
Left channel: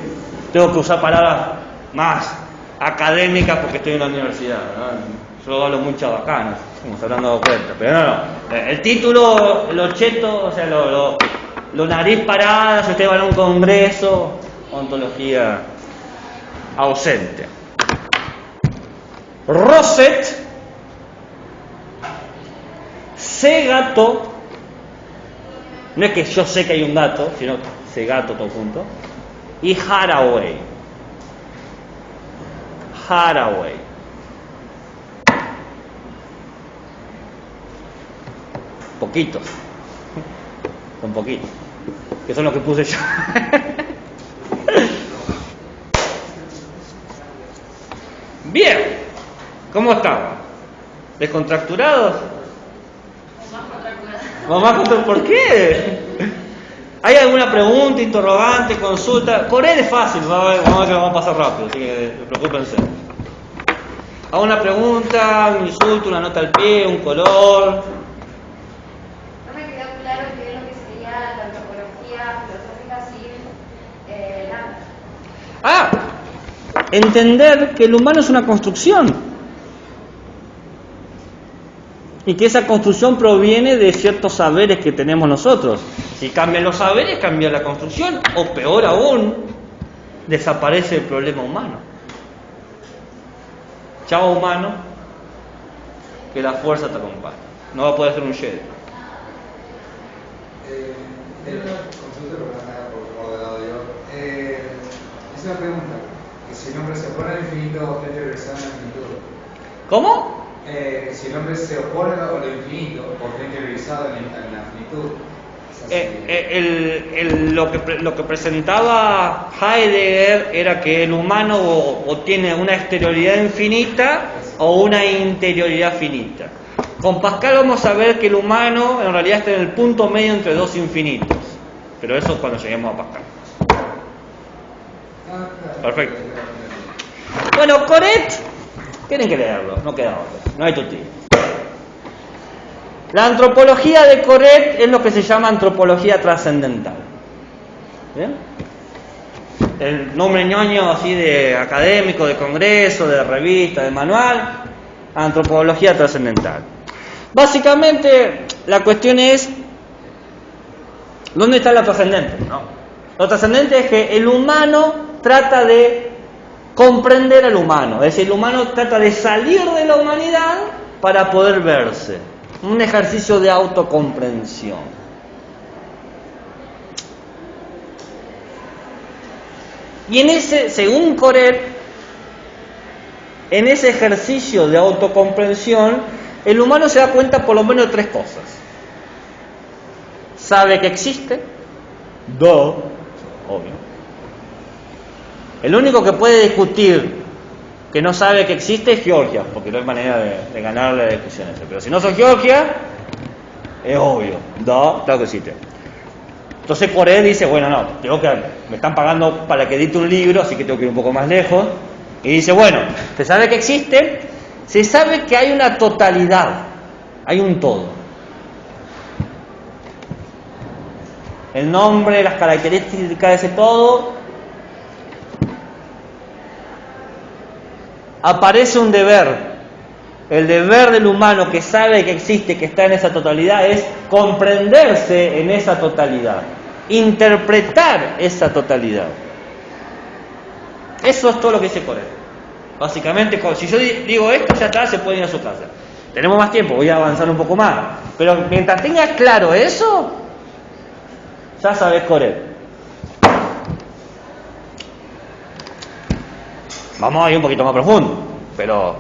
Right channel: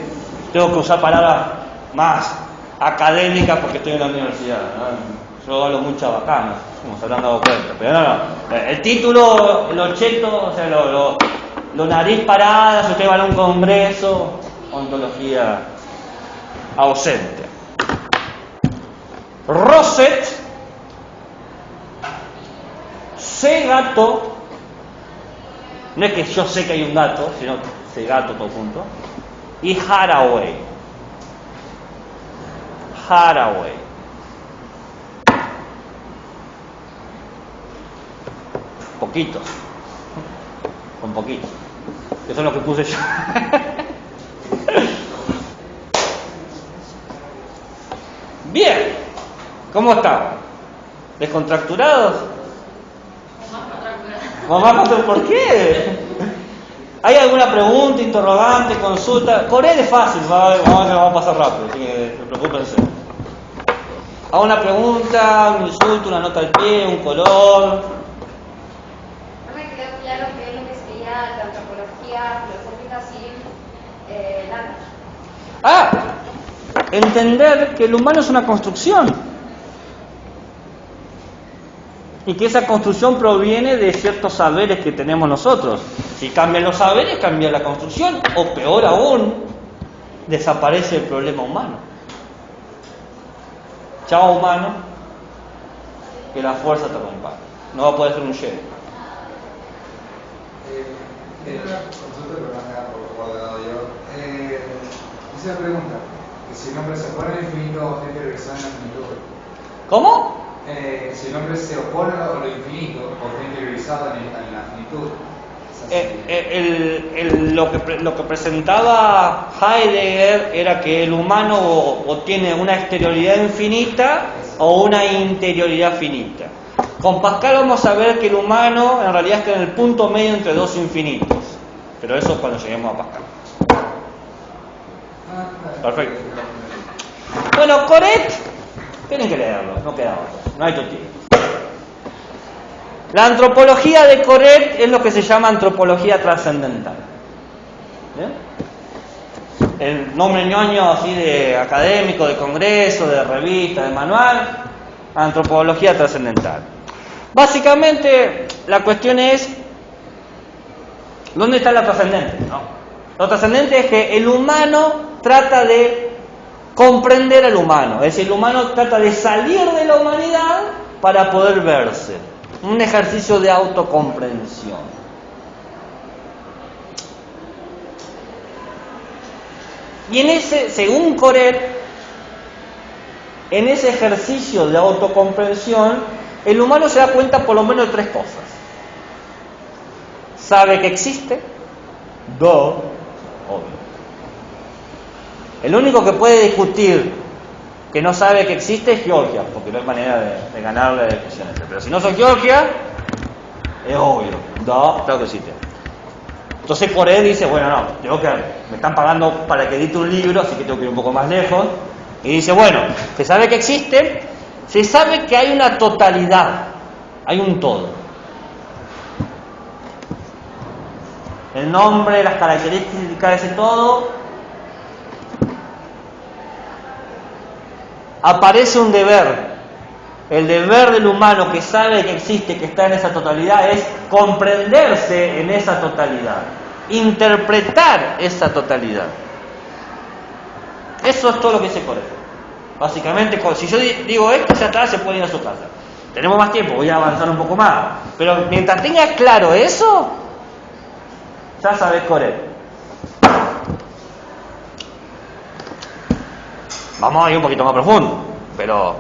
tengo que usar palabras más académicas porque estoy en la universidad, ¿no? Yo hablo mucho bacano, como se habrán dado cuenta, pero no. El título, lo cheto, o sea, lo nariz parada, si usted va a un congreso, ontología ausente. Rosset, C gato, no es que yo sé que hay un gato, sino C gato todo junto, y Haraway. Poquito, con poquito, que son los que puse yo. Bien, ¿cómo están? ¿Descontracturados? ¿O más contracturados? ¿Por qué? ¿Hay alguna pregunta, interrogante, consulta? Por él es fácil, vamos a pasar rápido, así que preocúpense. ¿Hago una pregunta, un insulto, una nota al pie, un color? No me quedó claro qué es lo que sería la antropología filosófica sin nada. Entender que el humano es una construcción y que esa construcción proviene de ciertos saberes que tenemos nosotros. Si cambian los saberes, cambia la construcción, o peor aún, desaparece el problema humano. Chao humano, que la fuerza te acompañe. No va a poder ser un Jedi. Tengo una consulta, pero no me da por ordenado yo. Hice una pregunta: que si el hombre se opone al infinito, ¿es regresar a la infinitud? ¿Cómo? Si el hombre se opone a lo infinito, ¿por qué interiorizado en la finitud? Lo que presentaba Heidegger era que el humano o tiene una exterioridad infinita o una interioridad finita. Con Pascal vamos a ver que el humano en realidad está en el punto medio entre dos infinitos, pero eso es cuando lleguemos a Pascal. Perfecto. Bueno, Coret, tienen que leerlo, no queda otro, no hay tutí. La antropología de Coret es lo que se llama antropología trascendental. ¿Bien? El nombre ñoño así de académico, de congreso, de revista, de manual, antropología trascendental. Básicamente la cuestión es ¿dónde está la trascendente? ¿No? Lo trascendente es que el humano trata de comprender al humano, es decir, el humano trata de salir de la humanidad para poder verse. Un ejercicio de autocomprensión. Y en ese, según Coret, en ese ejercicio de autocomprensión, el humano se da cuenta por lo menos de tres cosas. Sabe que existe, obvio. El único que puede discutir que no sabe que existe es Georgia, porque no hay manera de ganar la discusión esa. Pero si no sos Georgia, es obvio. No, claro que existe. Entonces Coré dice, bueno, no, tengo que, me están pagando para que edite un libro, así que tengo que ir un poco más lejos. Y dice, bueno, se sabe que existe, se sabe que hay una totalidad, hay un todo. El nombre, las características de ese todo. Aparece un deber. El deber del humano que sabe que existe, que está en esa totalidad, es comprenderse en esa totalidad, interpretar esa totalidad. Eso es todo lo que dice Coré. Básicamente, si yo digo esto, ya está, se puede ir a su casa. Tenemos más tiempo, voy a avanzar un poco más. Pero mientras tengas claro eso, ya sabes Coré. Vamos a ir un poquito más profundo, pero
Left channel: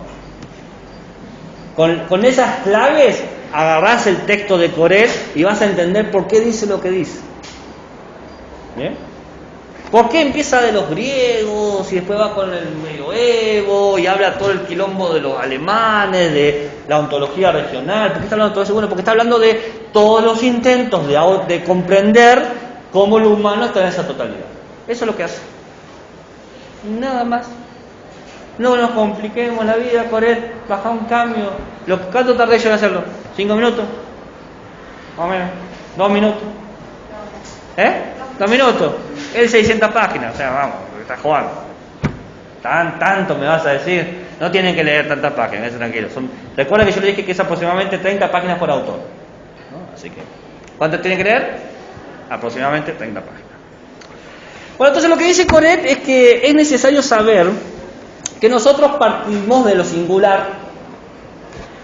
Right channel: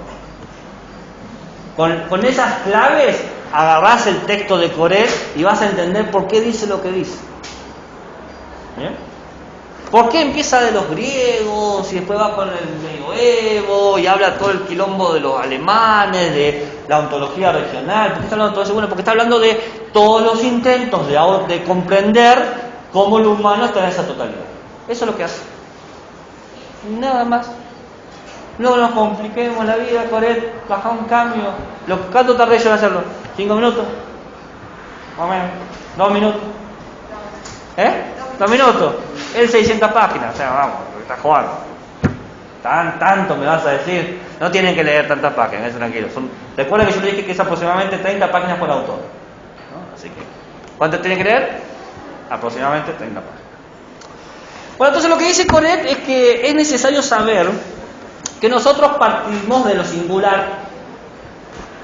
con esas claves agarrás el texto de Coré y vas a entender por qué dice lo que dice. ¿Bien? ¿Por qué empieza de los griegos y después va con el medioevo y habla todo el quilombo de los alemanes, de la ontología regional? ¿Por qué está hablando de todo eso? Bueno, porque está hablando de todos los intentos de comprender cómo el humano está en esa totalidad. Eso es lo que hace. Nada más. No nos compliquemos la vida, Coré, baja un cambio. ¿Cuánto tardé yo en hacerlo? ¿5 minutos? Más o menos. 2 minutos. 2 minutos. Es 600 páginas. O sea, vamos, está jugando. Tanto me vas a decir. No tienen que leer tantas páginas, eso tranquilo. Recuerda que yo te dije que es aproximadamente 30 páginas por autor, ¿no? Así que, ¿cuánto tiene que leer? Aproximadamente 30 páginas. Bueno, entonces lo que dice Coré es que es necesario saber que nosotros partimos de lo singular.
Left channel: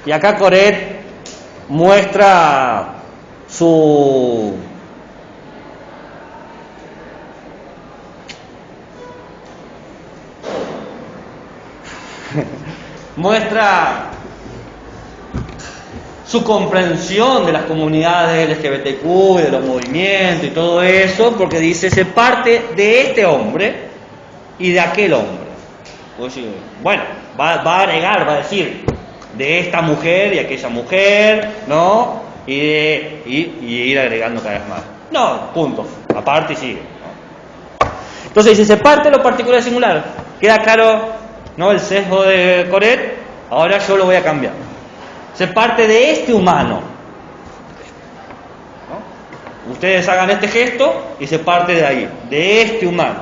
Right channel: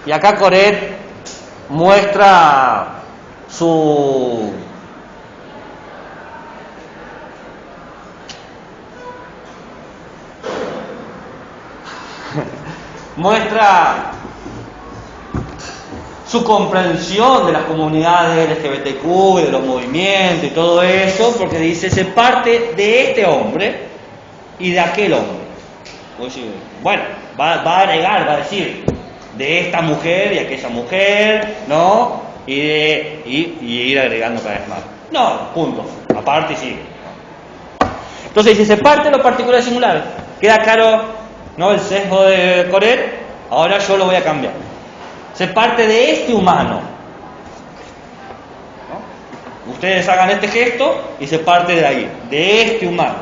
Y acá Coré muestra su comprensión de las comunidades LGBTQ, de los movimientos y todo eso, porque dice, se parte de este hombre y de aquel hombre. Bueno, va a agregar, va a decir, de esta mujer y aquella mujer, ¿no? Y ir agregando cada vez más. No, punto. Aparte y sigue. Entonces dice, se parte lo particular y singular. ¿Queda claro, no, el sesgo de Coré? Ahora yo lo voy a cambiar. Se parte de este humano, ¿no? Ustedes hagan este gesto y se parte de ahí, de este humano.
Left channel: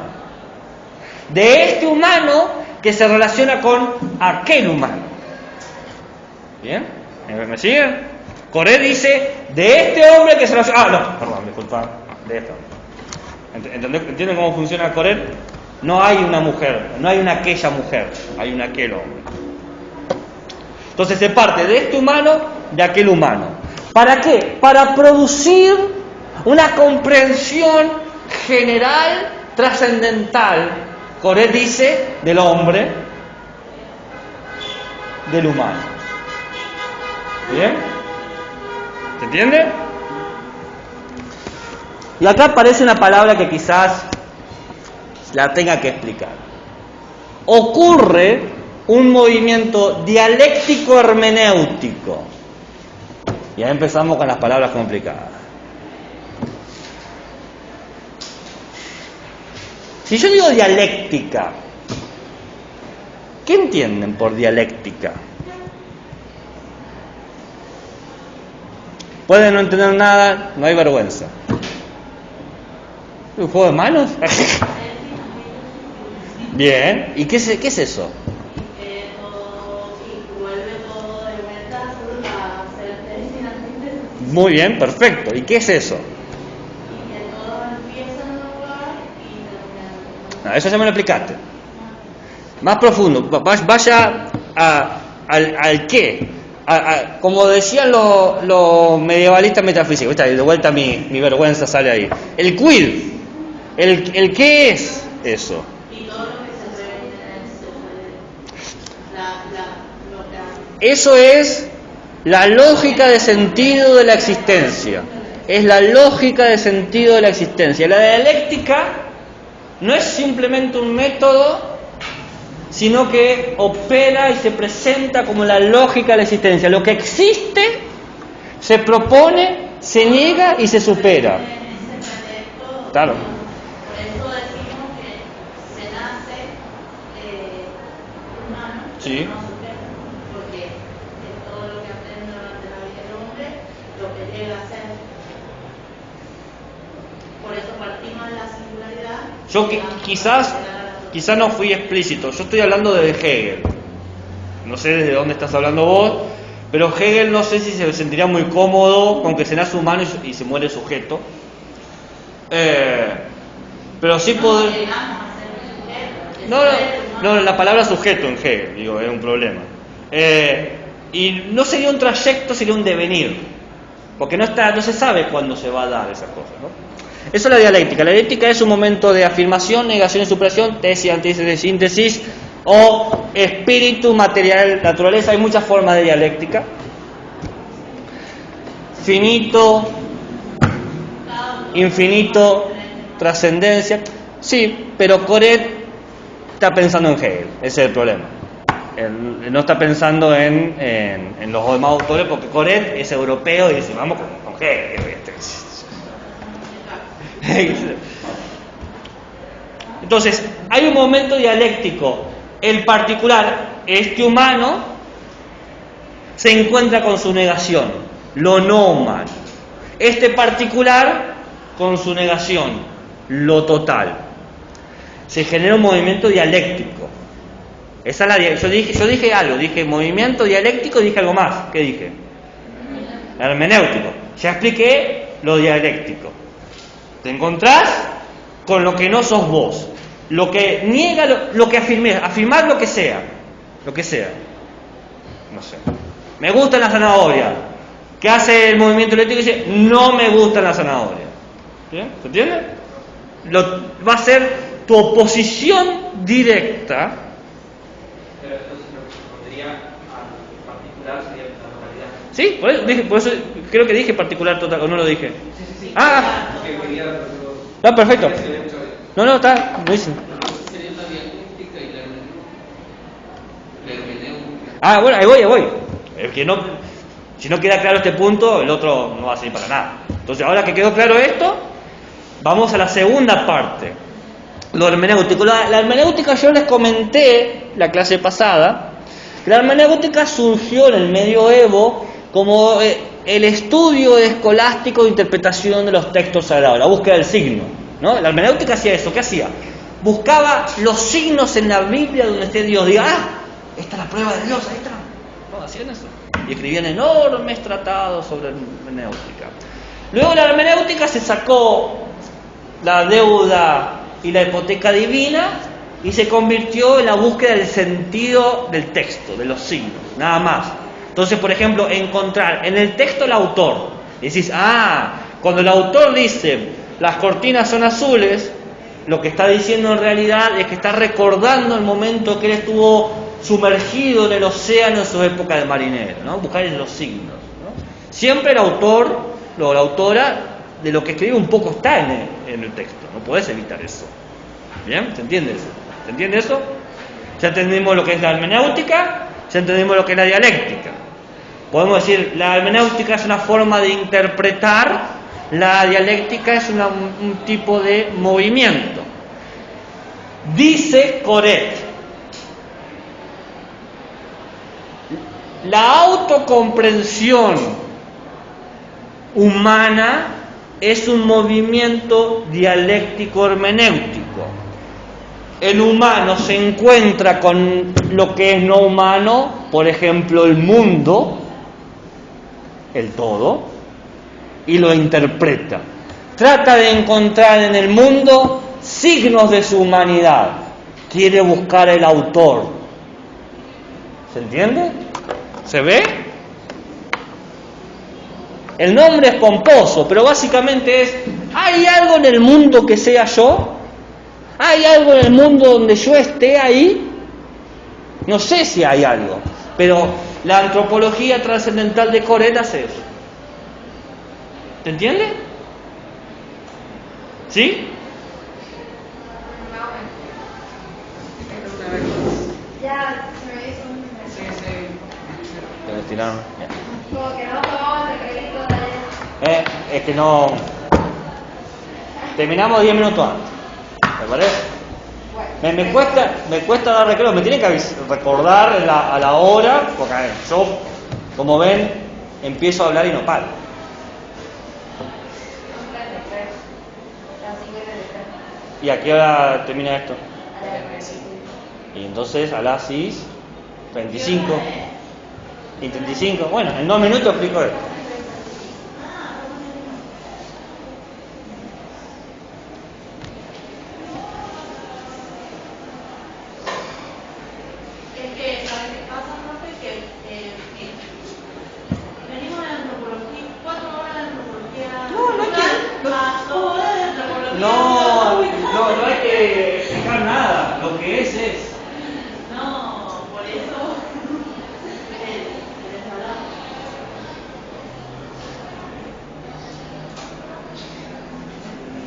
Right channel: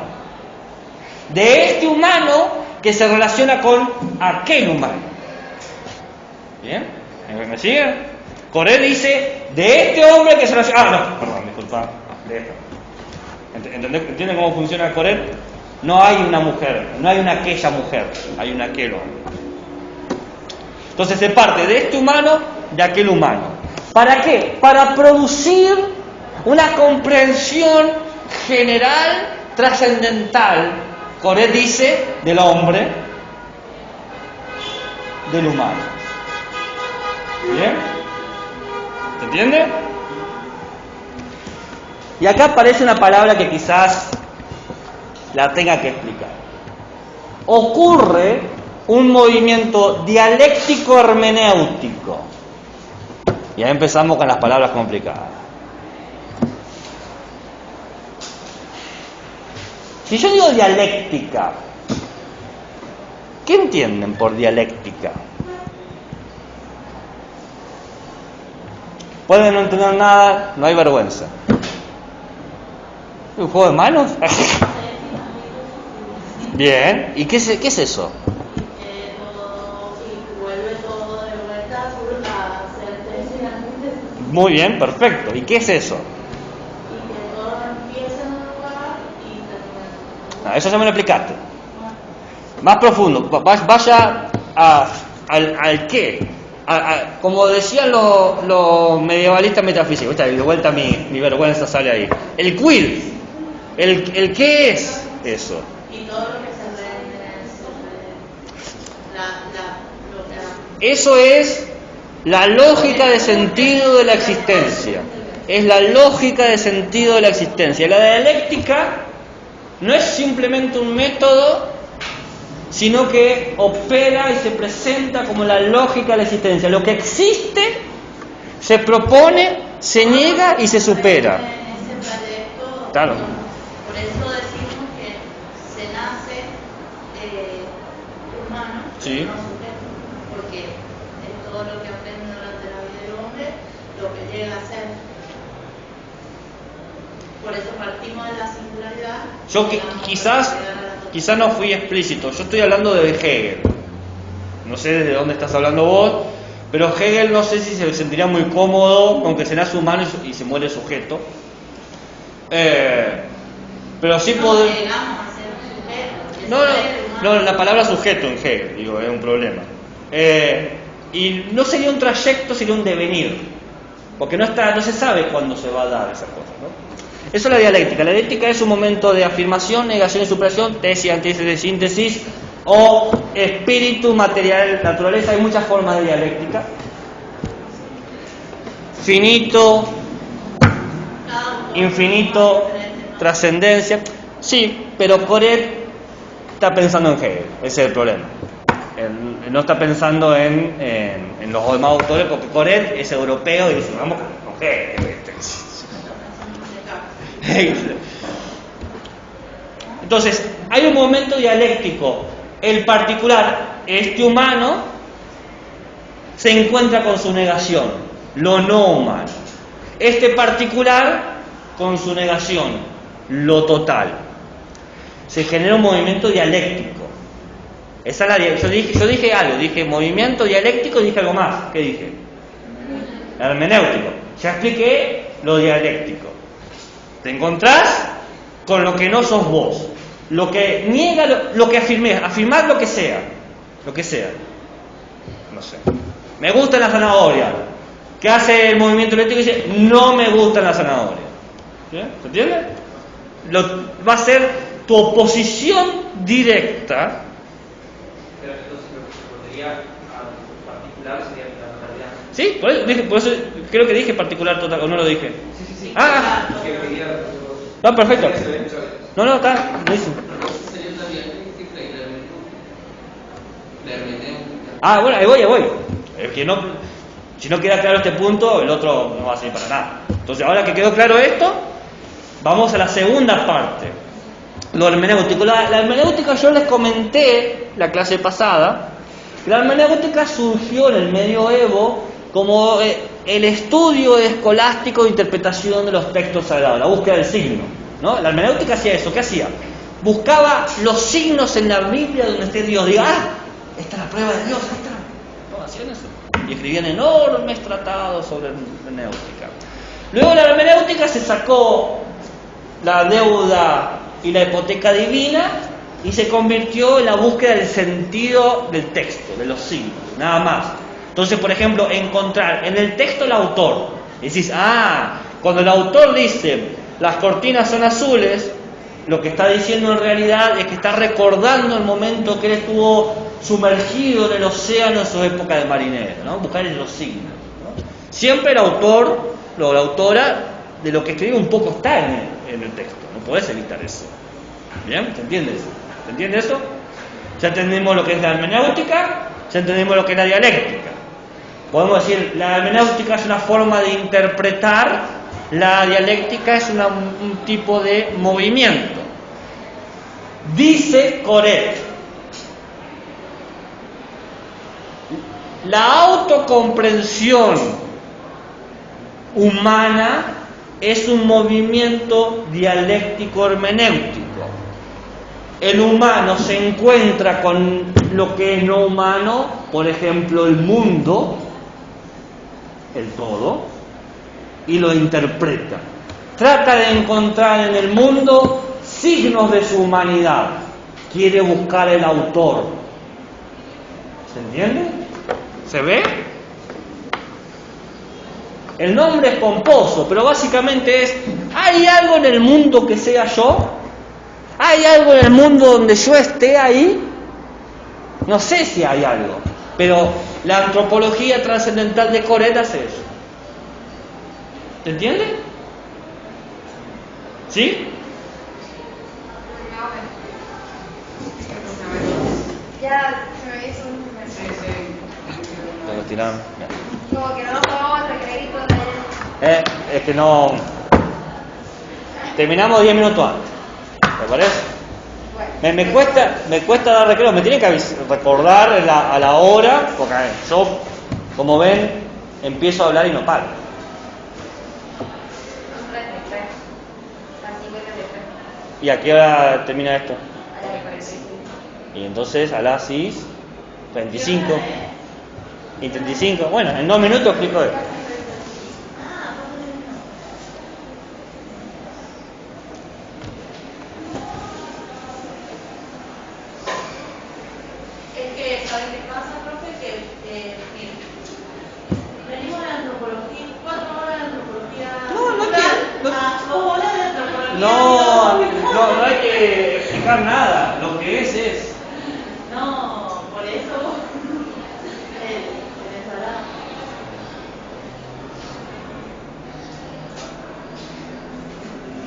De este humano que se relaciona con aquel humano. ¿Bien? ¿Me siguen? Coré dice, de este hombre que se relaciona... no, perdón, disculpa. De esto. ¿Entienden cómo funciona Coré? No hay una mujer, no hay una aquella mujer, hay un aquel hombre. Entonces se parte de este humano, de aquel humano. ¿Para qué? Para producir una comprensión general, trascendental. Coré dice del hombre, del humano. ¿Bien? ¿Se entiende? Y acá aparece una palabra que quizás la tenga que explicar. Ocurre un movimiento dialéctico hermenéutico. Y ahí empezamos con las palabras complicadas. Si yo digo dialéctica, ¿qué entienden por dialéctica? Pueden no entender nada, no hay vergüenza. ¿Un juego de manos? Bien, ¿y qué es eso? Muy bien, perfecto. ¿Y qué es eso? No, eso ya me lo explicaste. Más profundo, vaya al qué. Como decían los medievalistas metafísicos, de vuelta mi vergüenza sale ahí. El quid, el qué es eso. Y todo lo que se ve Eso es la lógica de sentido de la existencia. Es la lógica de sentido de la existencia. La dialéctica no es simplemente un método, sino que opera y se presenta como la lógica de la existencia. Lo que existe se propone, se niega y se supera. En ese trayecto, Claro. por eso decimos que se nace humano, Sí. pero no sujeto, porque es todo lo que aprende durante la vida del hombre, lo que llega a ser. Por eso partimos de la singularidad. Yo quizás no fui explícito. Yo estoy hablando de Hegel. No sé de dónde estás hablando vos, pero Hegel no sé si se sentiría muy cómodo con que se nace humano y se muere sujeto. Pero sí No podría... llegamos a ser un sujeto. No, la palabra sujeto en Hegel, digo, es un problema. Y no sería un trayecto, sería un devenir. Porque no se sabe cuándo se va a dar esa cosa, ¿no? Eso es la dialéctica. La dialéctica es un momento de afirmación, negación y superación, tesis, antítesis, síntesis, o espíritu, material, naturaleza. Hay muchas formas de dialéctica. Finito, infinito, trascendencia. Sí, pero Coret está pensando en Hegel, ese es el problema. Él no está pensando en los demás autores, porque Coret es europeo y dice, vamos con Hegel. Entonces, hay un momento dialéctico. El particular, este humano, se encuentra con su negación, lo no humano. Este particular con su negación, lo total. Se genera un movimiento dialéctico. Esa es la, yo dije algo, dije movimiento dialéctico, dije algo más. ¿Qué dije? Hermenéutico. Ya expliqué lo dialéctico. Te encontrás con lo que no sos vos, lo que niega lo que afirmar lo que sea, no sé. Me gusta la zanahoria. ¿Qué hace el movimiento dialéctico? Dice, no me gusta la zanahoria. ¿Bien? ¿Se entiende? Va a ser tu oposición directa. Pero entonces lo que se podría a particular sería la modalidad. Sí, por eso creo que dije particular total, o no lo dije. Sí. Ah, Que lo quería... no, perfecto. No, está buenísimo. Entonces sería la dialéctica y la hermenéutica. Ah, bueno, ahí voy. El que no, si no queda claro este punto, el otro no va a servir para nada. Entonces, ahora que quedó claro esto, vamos a la segunda parte. Lo hermenéutico. La hermenéutica, yo les comenté la clase pasada, que la hermenéutica surgió en el medioevo como el estudio escolástico de interpretación de los textos sagrados, la búsqueda del signo, ¿no? La hermenéutica hacía eso. ¿Qué hacía? Buscaba los signos en la Biblia donde esté Dios. Diga, esta es la prueba de Dios, ahí está. ¿No hacían eso? Y escribían enormes tratados sobre hermenéutica. Luego la hermenéutica se sacó la deuda y la hipoteca divina y se convirtió en la búsqueda del sentido del texto, de los signos, nada más. Entonces, por ejemplo, encontrar en el texto el autor, y decís, cuando el autor dice las cortinas son azules, lo que está diciendo en realidad es que está recordando el momento que él estuvo sumergido en el océano en su época de marinero, ¿no? Buscar en los signos, ¿no? Siempre el autor o la autora de lo que escribe un poco está en el texto, no podés evitar eso. ¿Bien? ¿Se entiende eso? ¿Se entiende eso? Ya entendimos lo que es la hermenéutica, ya entendimos lo que es la dialéctica. Podemos decir, la hermenéutica es una forma de interpretar, la dialéctica es un tipo de movimiento. Dice Coret, la autocomprensión humana es un movimiento dialéctico hermenéutico. El humano se encuentra con lo que es no humano, por ejemplo el mundo, el todo, y lo interpreta. Trata de encontrar en el mundo signos de su humanidad. Quiere buscar el autor. ¿Se entiende? ¿Se ve? El nombre es pomposo, pero básicamente es, ¿hay algo en el mundo que sea yo? ¿Hay algo en el mundo donde yo esté ahí? No sé si hay algo, pero la antropología trascendental de Coret hace eso. ¿Se entiende? ¿Sí? Ya se me hizo un... Lo tiraron. Como que no tomamos el recreito de... Es que no. Terminamos 10 minutos antes. ¿Me parece? Bueno, Me cuesta dar recreo, me tienen que recordar a la hora, porque yo, como ven, empiezo a hablar y no paro. son 33. Las 5:33. ¿Y a qué hora termina esto? A las 45. Y entonces a las 6:35 y 35. Bueno, en 2 minutos explico esto. Es que, ¿sabes qué pasa, profe? Que mira, venimos de antropología, 4 horas de antropología. No hay que- a 2 horas de antropología. No hay que explicar nada. Lo que es. No, por eso. Venezolano.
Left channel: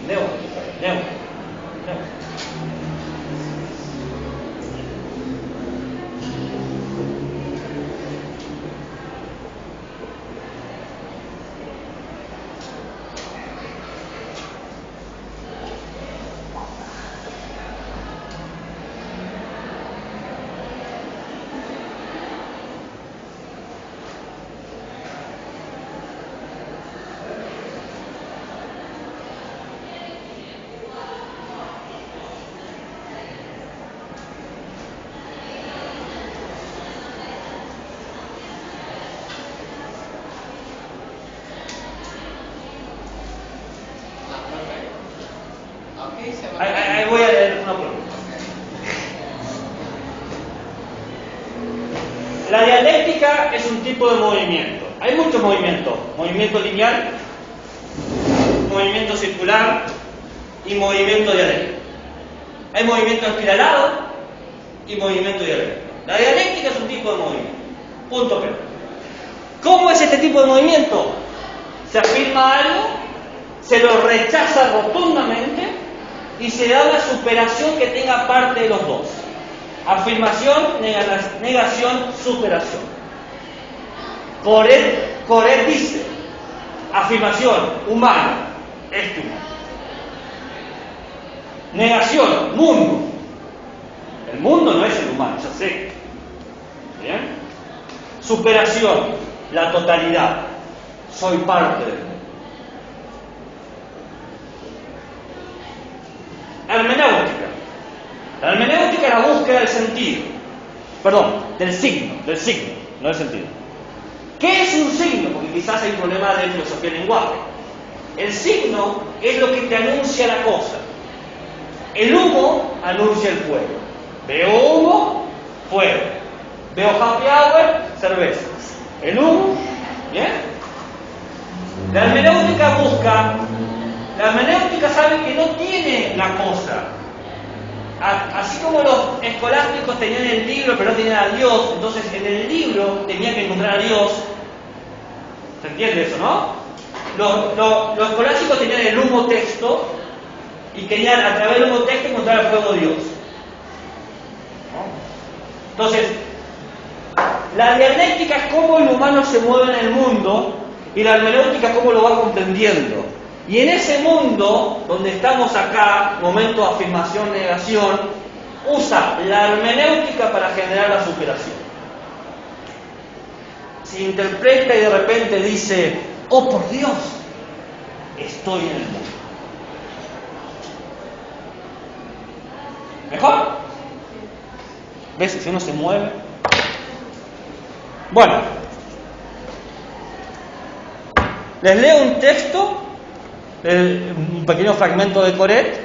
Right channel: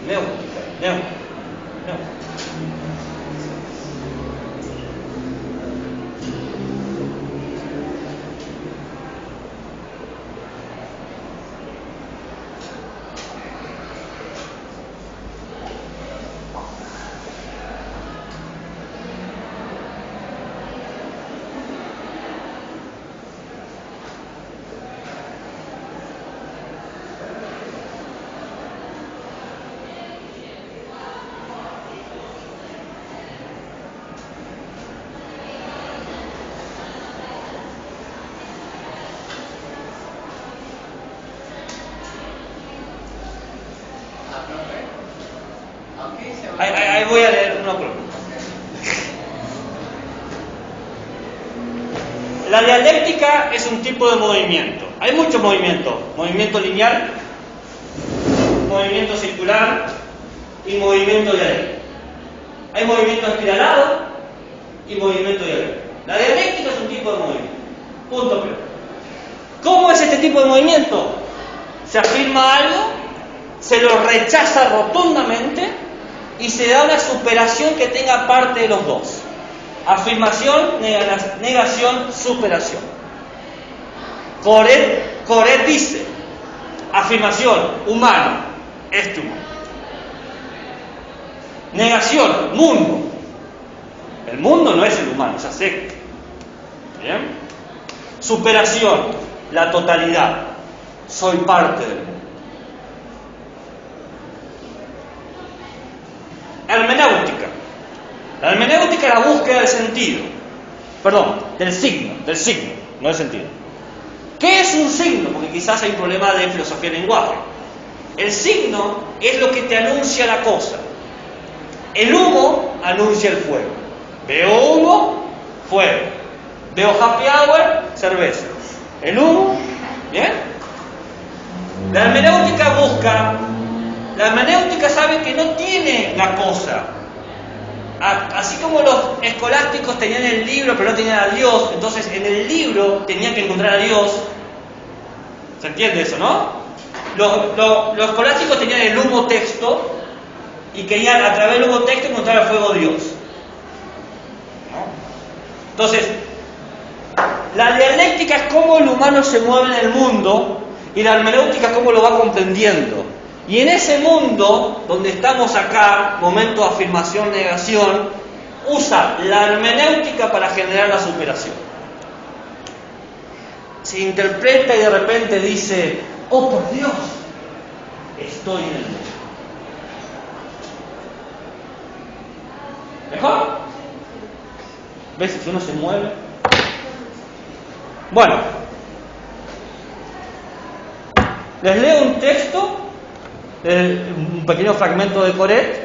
Leo. Ahí voy a leer una por una. La dialéctica es un tipo de movimiento. Hay muchos movimientos. Movimiento lineal, movimiento circular y movimiento dialéctico. Hay movimiento espiralado y movimiento dialéctico. La dialéctica es un tipo de movimiento. Punto pero. ¿Cómo es este tipo de movimiento? Se afirma algo, se lo rechaza rotundamente y se da una superación que tenga parte de los dos. Afirmación, negación, superación. Coret dice, afirmación, humano, este humano. Negación, mundo. El mundo no es el humano, ya sé. ¿Bien? Superación, la totalidad. Soy parte del mundo. Hermenéutica. La hermenéutica es la búsqueda del sentido. Perdón, del signo, no del sentido. ¿Qué es un signo? Porque quizás hay un problema de filosofía del lenguaje. El signo es lo que te anuncia la cosa. El humo anuncia el fuego. Veo humo, fuego. Veo happy hour, cerveza. El humo, ¿bien? La hermenéutica sabe que no tiene la cosa. Así como los escolásticos tenían el libro pero no tenían a Dios, entonces en el libro tenían que encontrar a Dios. ¿Se entiende eso, no? Los escolásticos tenían el humo texto y querían a través del humo texto encontrar el fuego de Dios. Entonces, la dialéctica es cómo el humano se mueve en el mundo y la hermenéutica es cómo lo va comprendiendo. Y en ese mundo, donde estamos acá, momento de afirmación, negación, usa la hermenéutica para generar la superación. Se interpreta y de repente dice, oh por Dios, estoy en el mundo. ¿Mejor? ¿Ves? Si uno se mueve. Bueno, les leo un texto, un pequeño fragmento de Coret,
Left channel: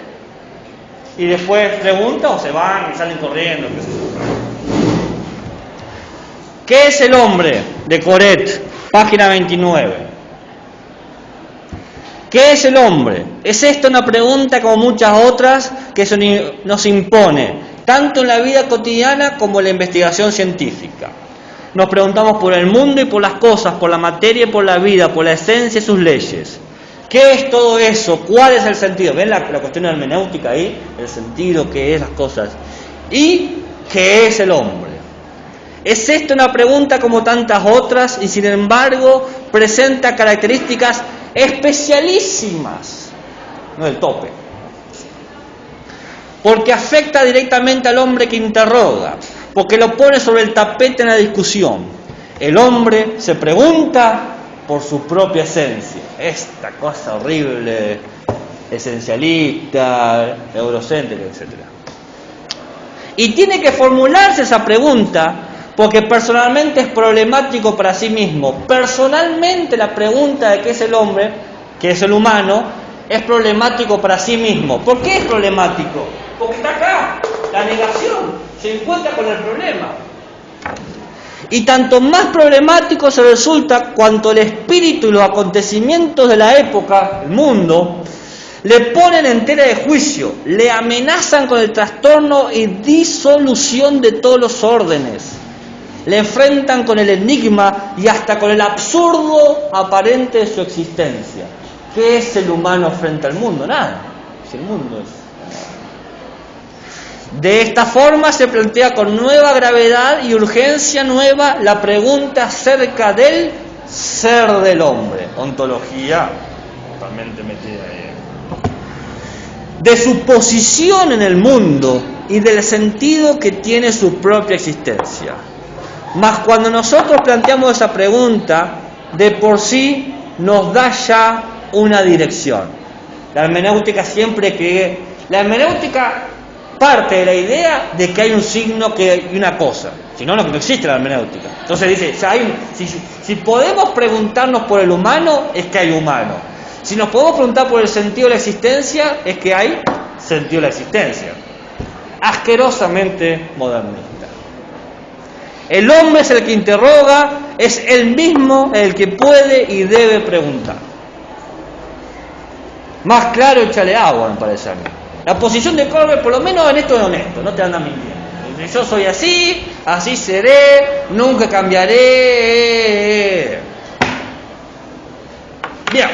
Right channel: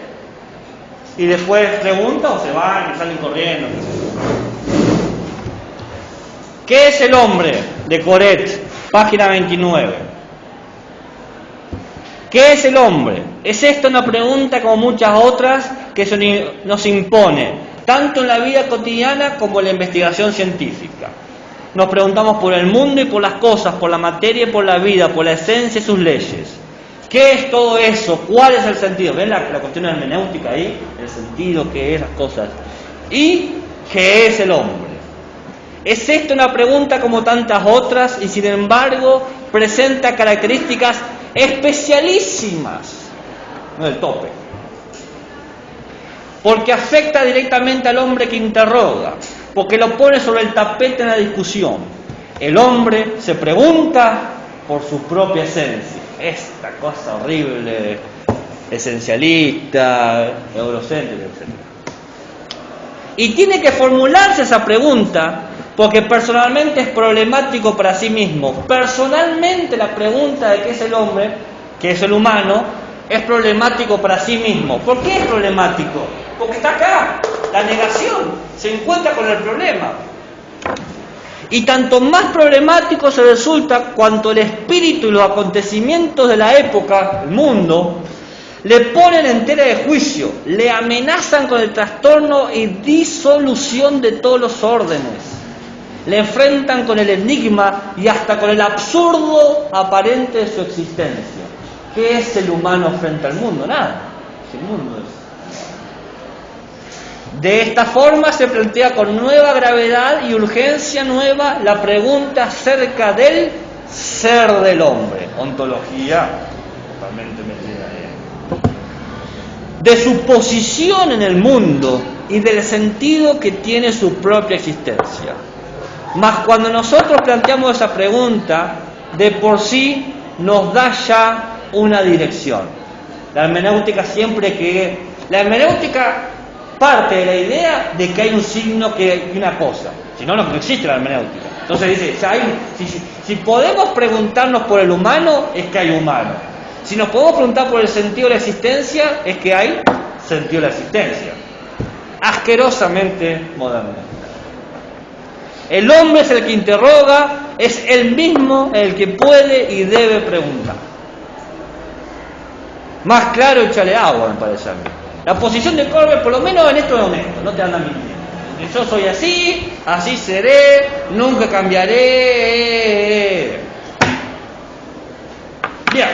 y después preguntan o se van y salen corriendo. ¿Qué es el hombre? De Coret, página 29. ¿Qué es el hombre? Es esta una pregunta como muchas otras que nos impone, tanto en la vida cotidiana como en la investigación científica. Nos preguntamos por el mundo y por las cosas, por la materia y por la vida, por la esencia y sus leyes. ¿Qué es todo eso? ¿Cuál es el sentido? ¿Ven la cuestión hermenéutica ahí? El sentido, qué es las cosas. ¿Y qué es el hombre? Es esta una pregunta como tantas otras y sin embargo presenta características especialísimas, no del tope, porque afecta directamente al hombre que interroga, porque lo pone sobre el tapete en la discusión. El hombre se pregunta por su propia esencia, esta cosa horrible, esencialista, eurocéntrica, etc. Y tiene que formularse esa pregunta porque personalmente es problemático para sí mismo. Personalmente la pregunta de qué es el hombre, qué es el humano, es problemático para sí mismo. ¿Por qué es problemático? Porque está acá, la negación, se encuentra con el problema. Y tanto más problemático se resulta cuanto el espíritu y los acontecimientos de la época, el mundo, le ponen en tela de juicio, le amenazan con el trastorno y disolución de todos los órdenes, le enfrentan con el enigma y hasta con el absurdo aparente de su existencia. ¿Qué es el humano frente al mundo? Nada, si el mundo es. De esta forma se plantea con nueva gravedad y urgencia nueva la pregunta acerca del ser del hombre, ontología totalmente metida ahí, de su posición en el mundo y del sentido que tiene su propia existencia. Mas cuando nosotros planteamos esa pregunta, de por sí nos da ya una dirección. La hermenéutica la hermenéutica parte de la idea de que hay un signo, que hay una cosa. Si no, no existe la hermenéutica. Entonces dice, si podemos preguntarnos por el humano, es que hay humano. Si nos podemos preguntar por el sentido de la existencia, es que hay sentido de la existencia. Asquerosamente modernista. El hombre es el que interroga, es el mismo el que puede y debe preguntar. Más claro, échale agua, me parece a mí. La posición de Colbert, por lo menos en esto es honesto, no te andan mintiendo. Yo soy así, así seré, nunca cambiaré. Bien.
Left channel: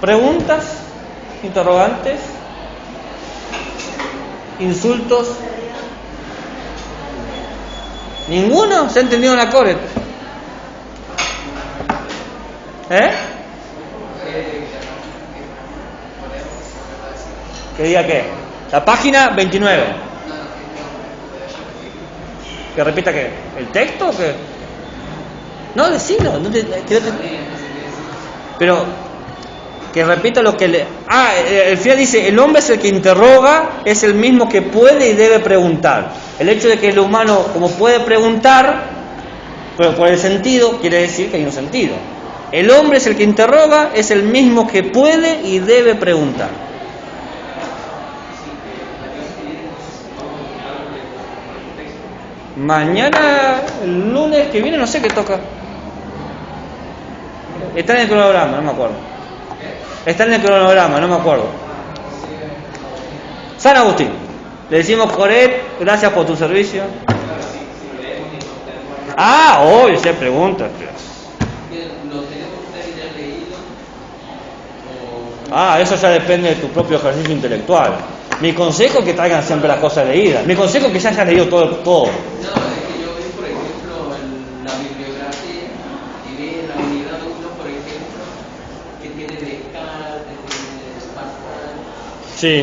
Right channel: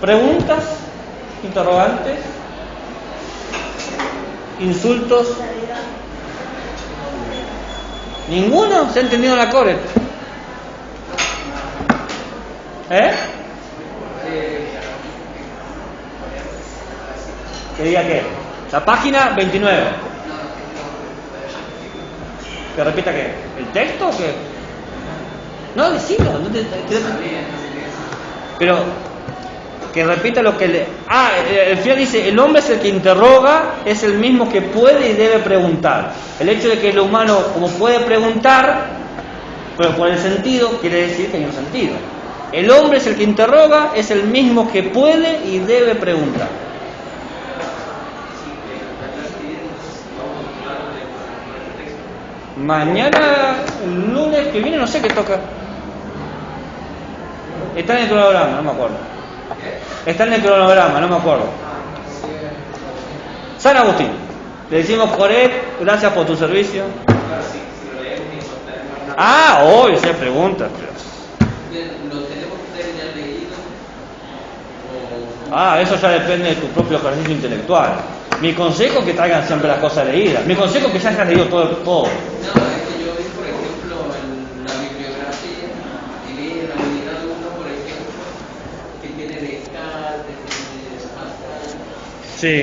¿Preguntas? ¿Interrogantes? ¿Insultos? ¿Ninguno? ¿Se ha entendido la Coret? ¿Que diga qué? La página 29. ¿Que repita qué? ¿El texto o qué? No, decilo. Pero que repita lo que le... el final dice, el hombre es el que interroga, es el mismo que puede y debe preguntar. El hecho de que el humano, como puede preguntar, pero por el sentido, quiere decir que hay un sentido. El hombre es el que interroga, es el mismo que puede y debe preguntar. Mañana, el lunes que viene, no sé qué toca. Está en el cronograma, no me acuerdo. Está en el cronograma, no me acuerdo. San Agustín. Le decimos, Coret, gracias por tu servicio. Hoy se pregunta, Dios. ¿Lo tenemos ustedes ya leído? Eso ya depende de tu propio ejercicio intelectual. Mi consejo es que traigan siempre las cosas leídas. Mi consejo es que ya hayas leído todo. No, es que yo vi, por ejemplo, la bibliografía y vi en la unidad 1, por ejemplo, que tiene Descartes, tiene Pascal. Sí.